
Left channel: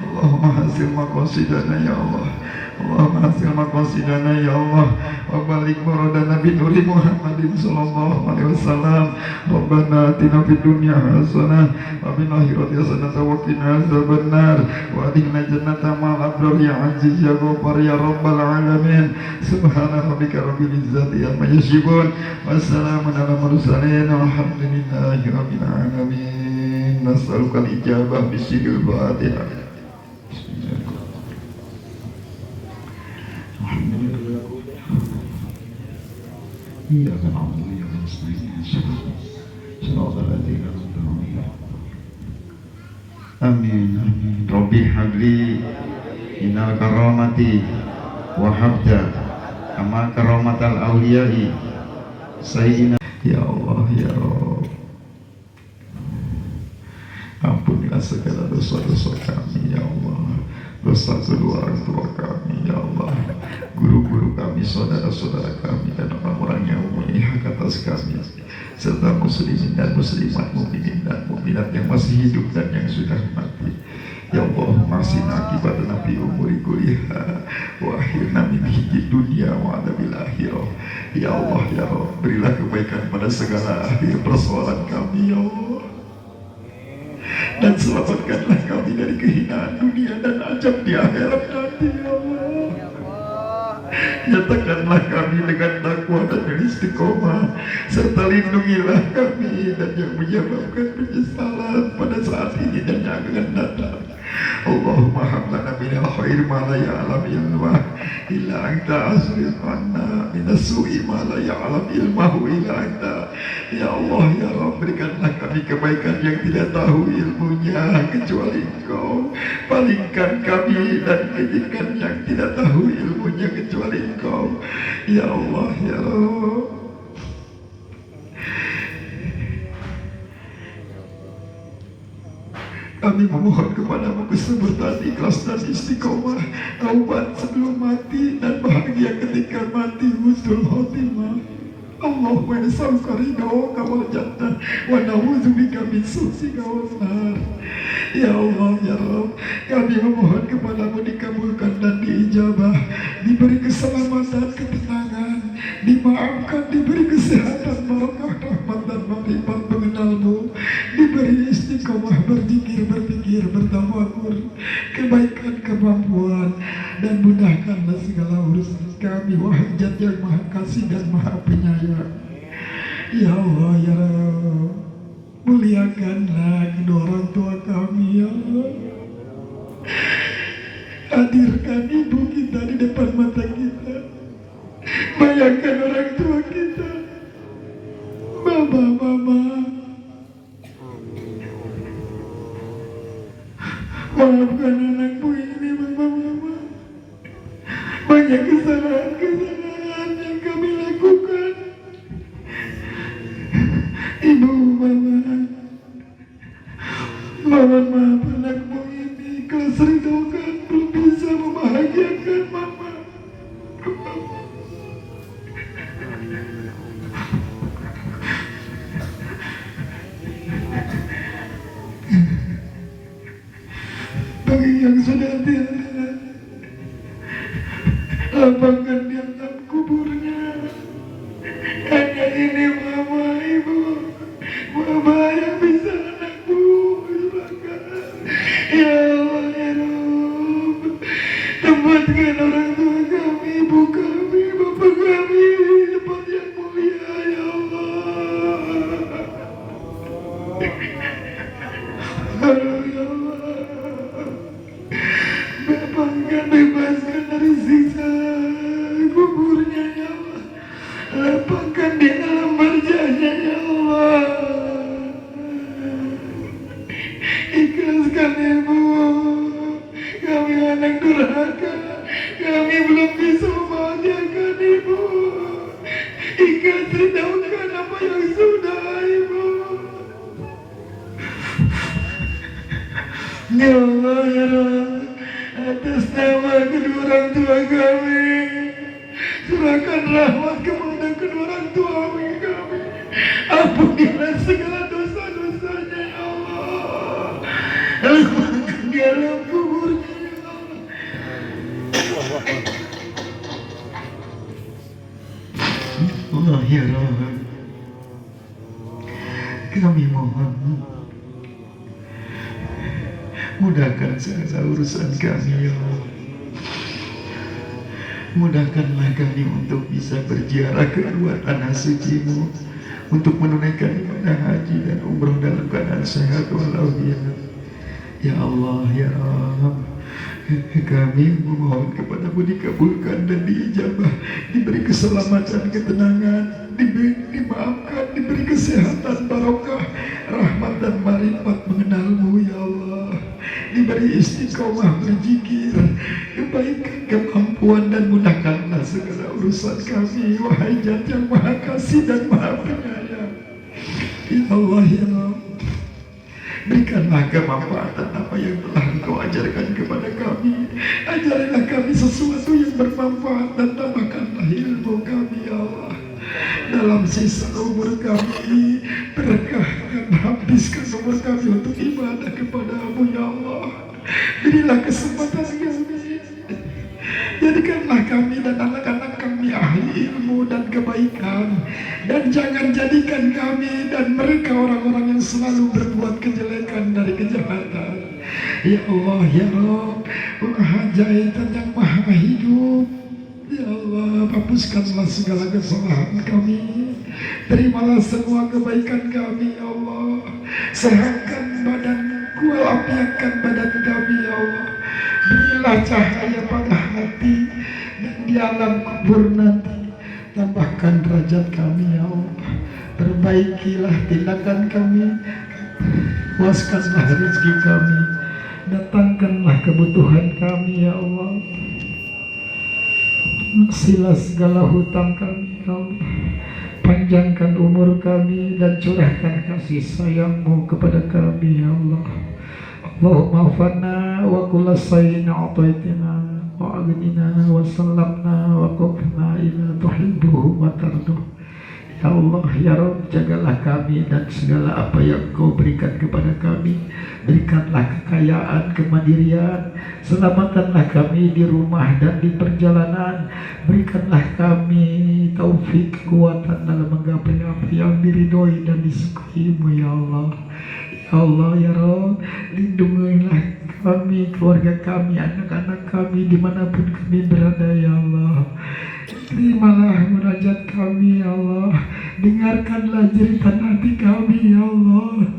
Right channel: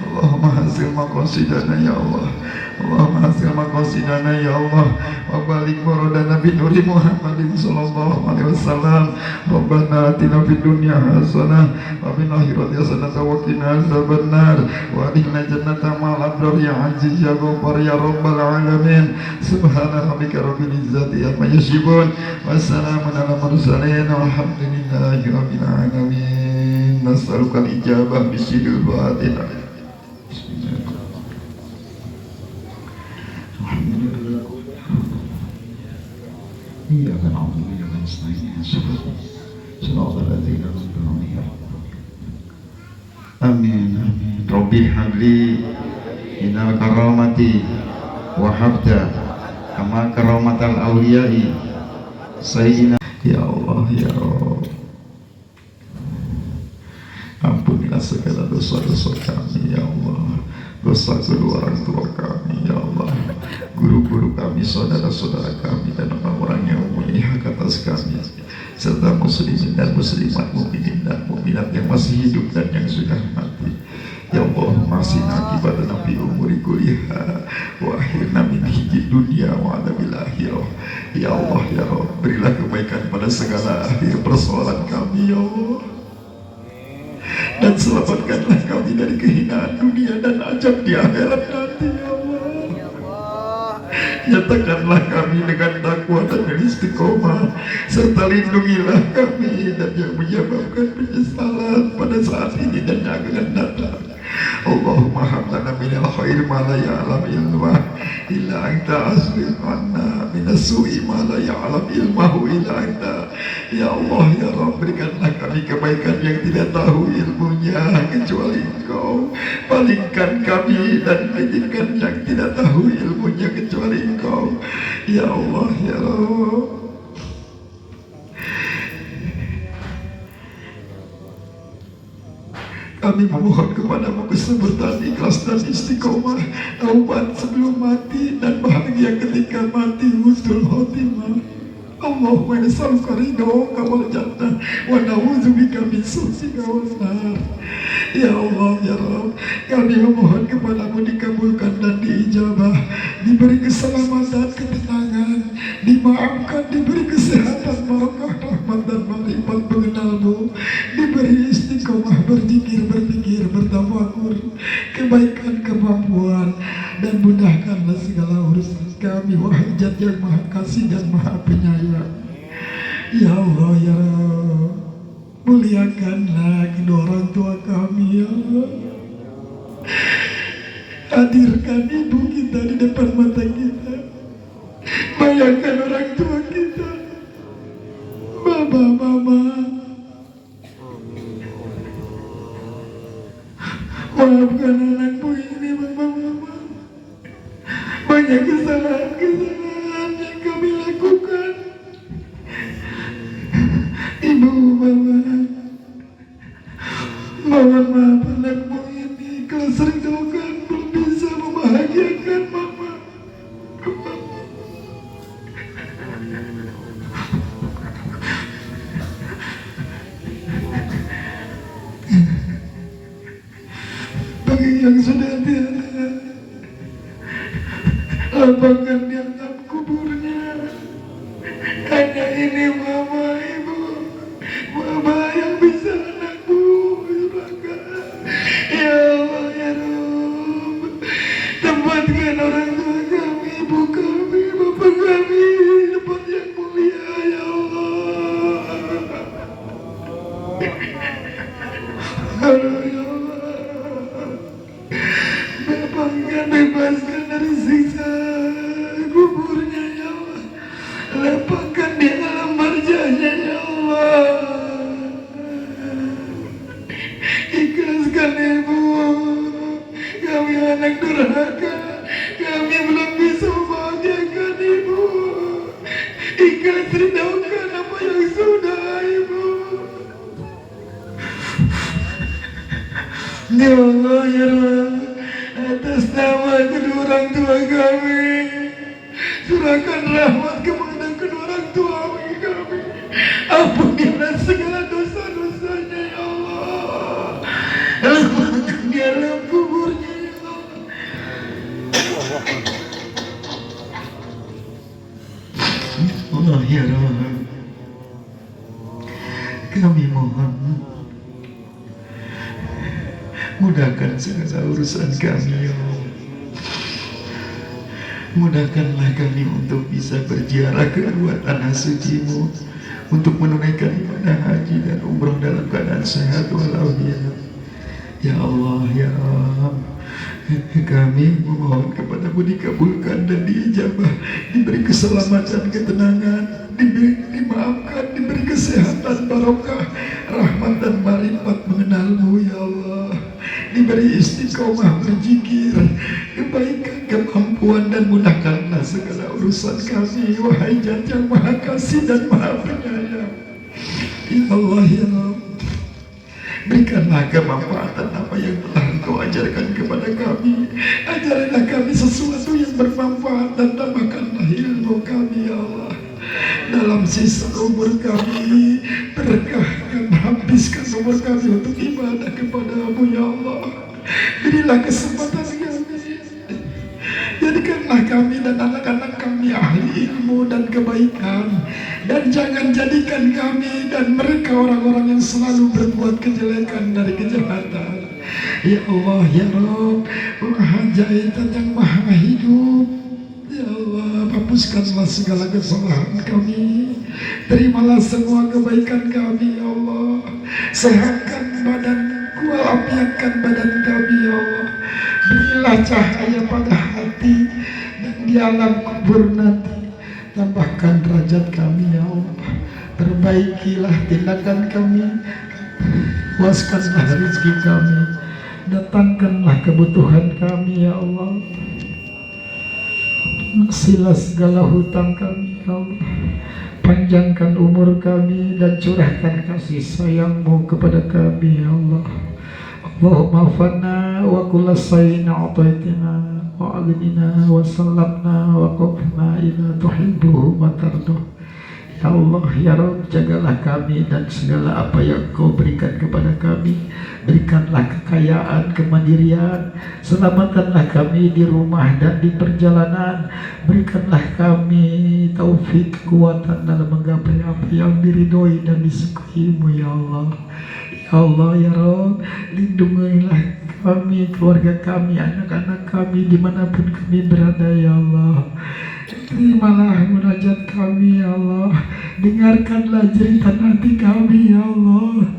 Allahumma hasil maqasidana ya Allah. Allahumma hasil maqasidana ya Allah. Wa balik muradana bi nuri Muhammadin sallallahu alaihi wasallam. Rabbana atina fid dunya hasanah wa fil akhirati hasanah wa qina azabannar wa adkhilna jannata ma'al abrar ya aziz ya ghaffar ya rabbal alamin. Subhana rabbika rabbil izzati amma yasifun wa salamun ala mursalin walhamdulillahi rabbil alamin. Nas'aluka al-ijabah bisidil Fatihah. إياك نعبد وإياك نستعين صراط الذين أنعمت عليهم آمين ربي هب لي من الكرامة وهبت كما كرامة الأولياء سيدنا يا الله يا رب ampunilah segala dosa-dosa kami ya Allah, dosa kedua orang tua kami ya Allah, guru-guru kami, saudara-saudara kami, dan orang-orang yang mempunyai hak atas kami, serta muslimin dan muslimat, mukminin dan mukminat yang masih hidup dan yang sudah mati. Ya Allah, masih akibatna fi umuri kuliah wa akhirna min hiji dunia wa adabil akhirah. Ya Allah ya Rabb, berilah kebaikan pada segala akhir persoalan kami ya Allah, dan selamatkanlah kami dari kehinaan dunia dan ajab di akhirat nanti ya Allah. Nyatakanlah kami dengan takwa dan istiqomah, serta lindungilah kami dan yang menyebabkan penyesalan pada saat ini dan yang akan datang. Allahumma hablana minal khair ma la ya'lam ilmah illa anta asrif anna minas su'i ma la ya'lam ilmahu illa anta. Ya Allah ya Rabb, berikanlah kami kebaikan yang tidak tahu ilmunya kecuali Engkau. Palingkan kami dan kejelekan yang tidak tahu ilmunya kecuali Engkau. Ya Allah ya Rabb, kami memohon kepadamu kesabaran, ikhlas dan istiqomah, taubat sebelum mati dan bahagia ketika mati, husnul khotimah. Allahumma nas'aluka ridhoka wal jannah wa na'udzubika min sukhtika wan nar. Ya Allah ya Rabb, kami memohon kepadamu dikabulkan dan diijabah, diberi keselamatan, ketenangan, dimaafkan, diberi kesehatan, barakah, rahmat dan marifat mengenalmu, diberi istiqomah berzikir, berpikir, bertafakur, kebaikan, kemampuan, dan mudahkanlah segala urusan kami, wahai Zat yang Maha Kasih dan Maha Penyayang. Ya Allah ya Rabb, muliakanlah kedua orang tua kami ya Allah. Hadirkan ibu kita di depan mata kita. Bayangkan orang tua kita, Baba, Mama. Maafkan anakku ini, Baba, Mama. Banyak kesalahan-kesalahan yang kami lakukan. Ibu, Mama, mohon maaf anakmu ini kelas rindukan belum bisa membahagiakan Mama. Bagi yang sudah tiada, lapangkan di alam kuburnya. Hanya ini Mama, Ibu, Mama yang bisa anakku silakan. Ya Allah ya Rabb, tempatkan orang tua kami, ibu kami, bapak kami di tempat yang mulia ya Allah. Aduh ya Allah, lapangkan, bebaskan dari siksa kuburnya ya Allah. Lapangkan di alam barjahnya ya Allah. Ikhlaskan Ibu, kami anak durhaka, kami belum bisa membahagiakan Ibu. Ikhlas ridhokan apa yang sudah Ibu. Ya Allah ya Rabb, atas nama kedua orang tua kami, curahkan rahmat kepada kedua orang tua kami. Ampunilah segala dosa-dosanya ya Allah. Allah ya Rabb, kami mohon mudahkan segala urusan kami ya Allah. Mudahkanlah kami untuk bisa berziarah ke dua tanah suci-Mu, untuk menunaikan ibadah haji dan umrah dalam keadaan sehat walafiat. Ya Allah ya Rabb, kami memohon kepadamu dikabulkan dan diijabah, diberi keselamatan, ketenangan, dimaafkan, diberi kesehatan, barokah, rahmat dan marifat mengenalmu ya Allah, diberi istiqomah berzikir, kebaikan, kemampuan, dan mudahkanlah segala urusan kami, wahai Zat yang Maha Kasih dan Maha Penyayang. Ya Allah ya Rabb, berikanlah kemanfaatan apa yang telah Engkau ajarkan kepada kami. Ajarilah kami sesuatu yang bermanfaat dan tambahkanlah ilmu kami ya Allah. Dalam sisa umur kami, berkahkan, habiskan umur kami untuk ibadah kepada-Mu ya Allah. Berilah kesempatan kami, jadikanlah kami dan anak-anak kami ahli ilmu dan kebaikan, dan jangan jadikan kami dan mereka orang-orang yang selalu berbuat kejelekan dari kejahatan. Ya Allah ya Rabb, Maha Ajaib dan yang Maha Hidup, ya Allah, hapuskanlah segala kesalahan kami, terimalah semua kebaikan kami ya Allah, sehatkan badan, walafiatkan badan kami ya Allah, berilah cahaya pada hati dan di alam kubur nanti, tambahkan derajat kami ya Allah, perbaikilah tindakan kami, puaskanlah rezeki kami, datangkanlah kebutuhan kami ya Allah, silah segala hutang kami ya Allah, panjangkan umur kami dan curahkan kasih sayang-Mu kepada kami ya Allah. Allahumma fanna wa kulla sayin a'taitina wa aghnina wa sallamna wa qufna ila tuhibbuhu wa tarduh. Ya Allah ya Rabb, jagalah kami dan segala apa yang Kau berikan kepada kami. Berikanlah kekayaan, kemandirian, selamatkanlah kami di rumah dan di perjalanan. Berikanlah kami taufik, kekuatan dalam menggapai apa yang diridhoi dan disukai-Mu ya Allah. Ya Allah ya Rabb, lindungilah kami, keluarga kami, anak-anak kami dimanapun kami berada ya Allah. Terimalah munajat kami ya Allah, dengarkanlah jeritan hati kami ya Allah,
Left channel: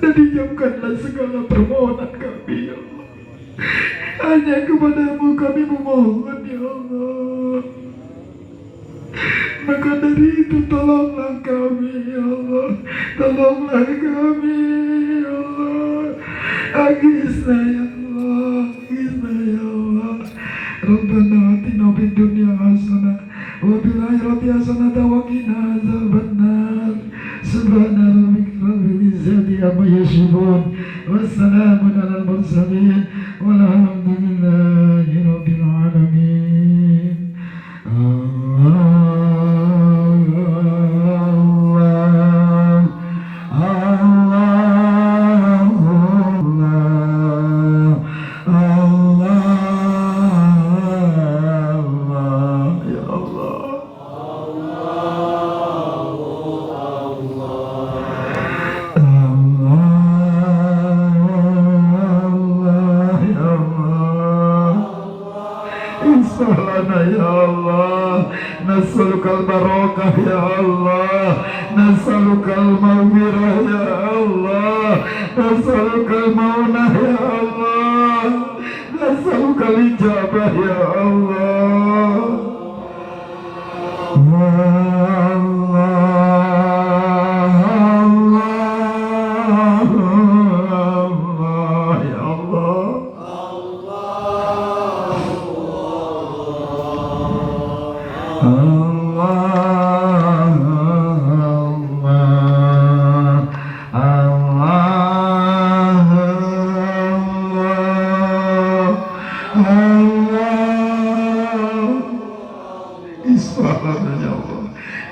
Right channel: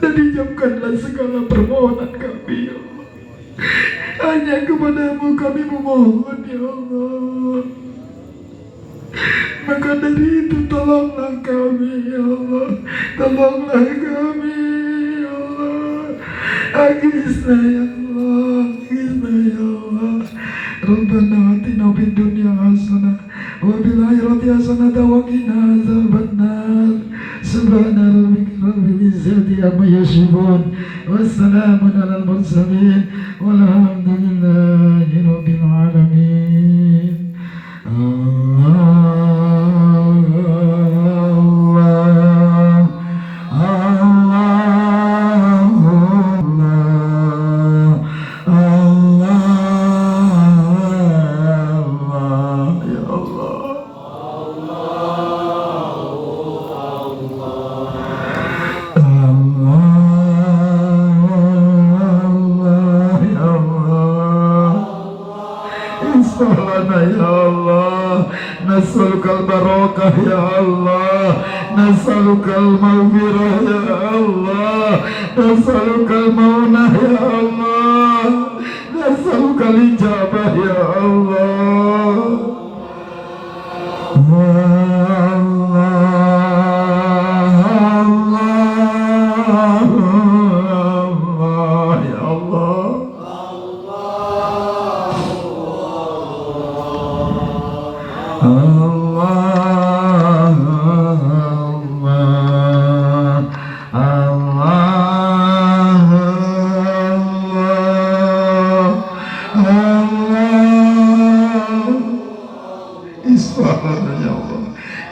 dan dijauhkanlah segala permohonan kami ya Allah. Hanya kepada-Mu kami memohon ya Allah. Maka dari itu tolonglah kami ya Allah, tolonglah kami ya Allah. Agisna ya Allah, agisna ya Allah. Rabbana atina fid dunya hasanah wa fil akhirati hasanah wa qina azabannar. Subhana rabbika rabbil izzati amma yasifun, wassalamun alal mursalin, walhamdulillahi rabbil alamin. Ya Allah, nas'alukal barakah ya Allah, nas'alukal maghfirah ya Allah, nas'alukal maunah ya Allah, nas'alukal ijabah ya Allah.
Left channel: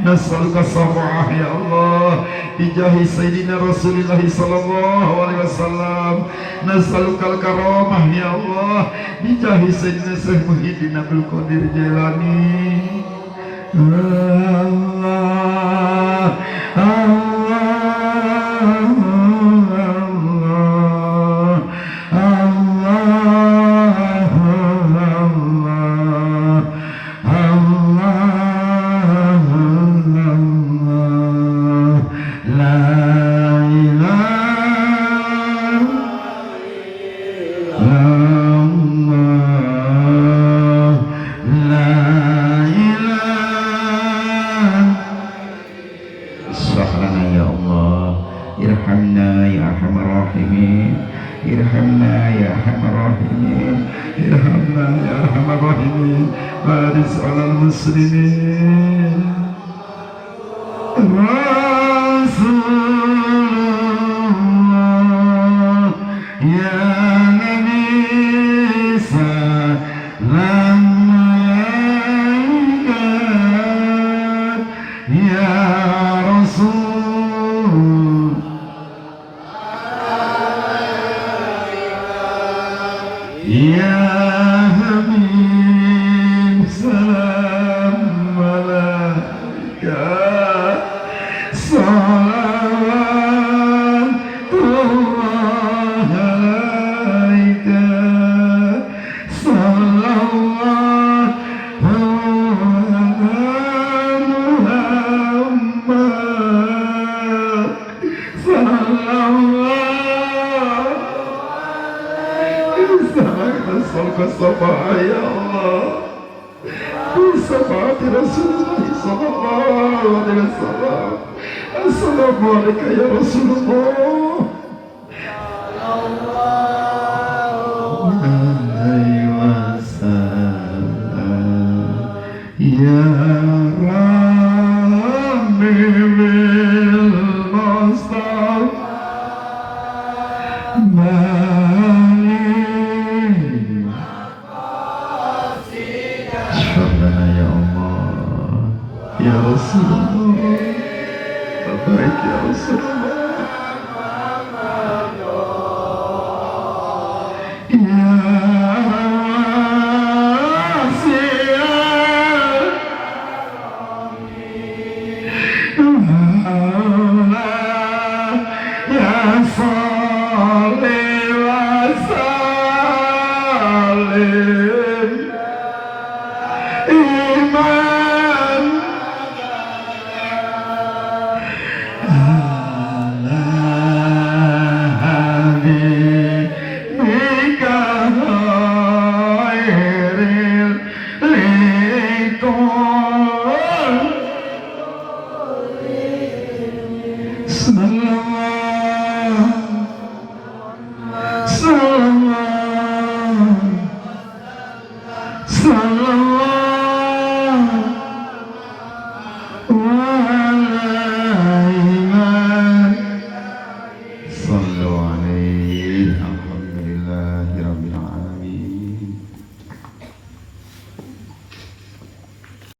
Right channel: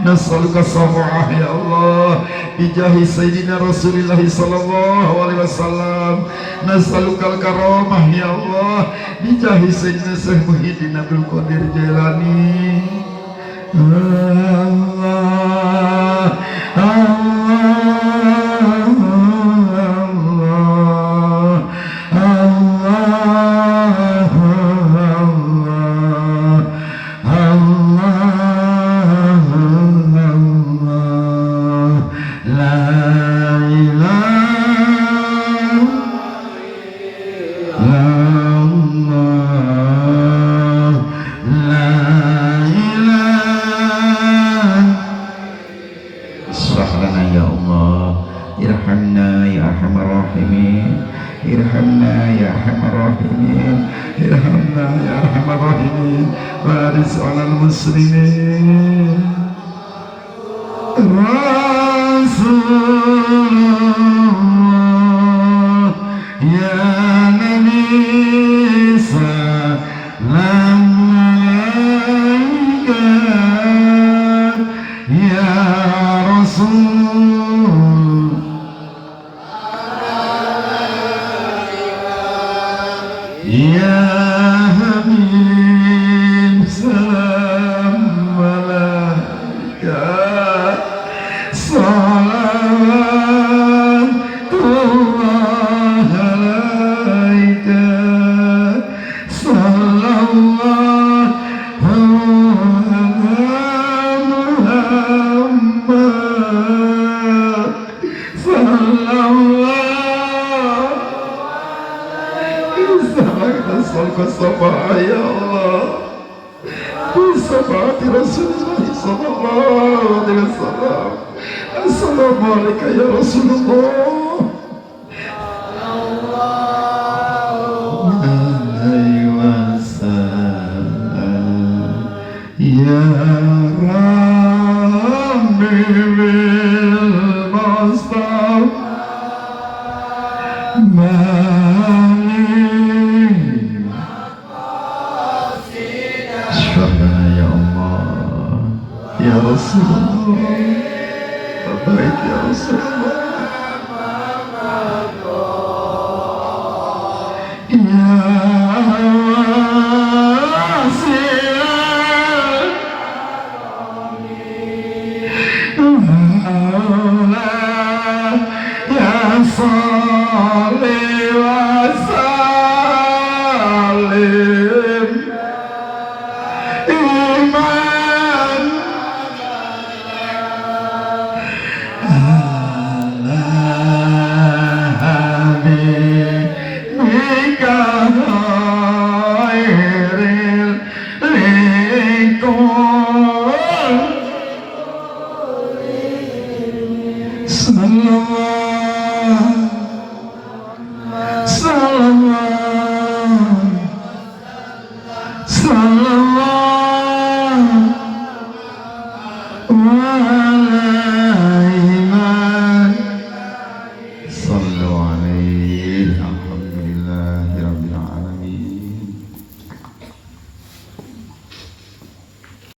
Nas'aluka sam'ah ya Allah bijahi sayyidina Rasulillah sallallahu alaihi wasallam. Nas'alukal karamah ya Allah bijahi sayyidina Syekh Muhyiddin Abdul Qadir Jailani. Lord.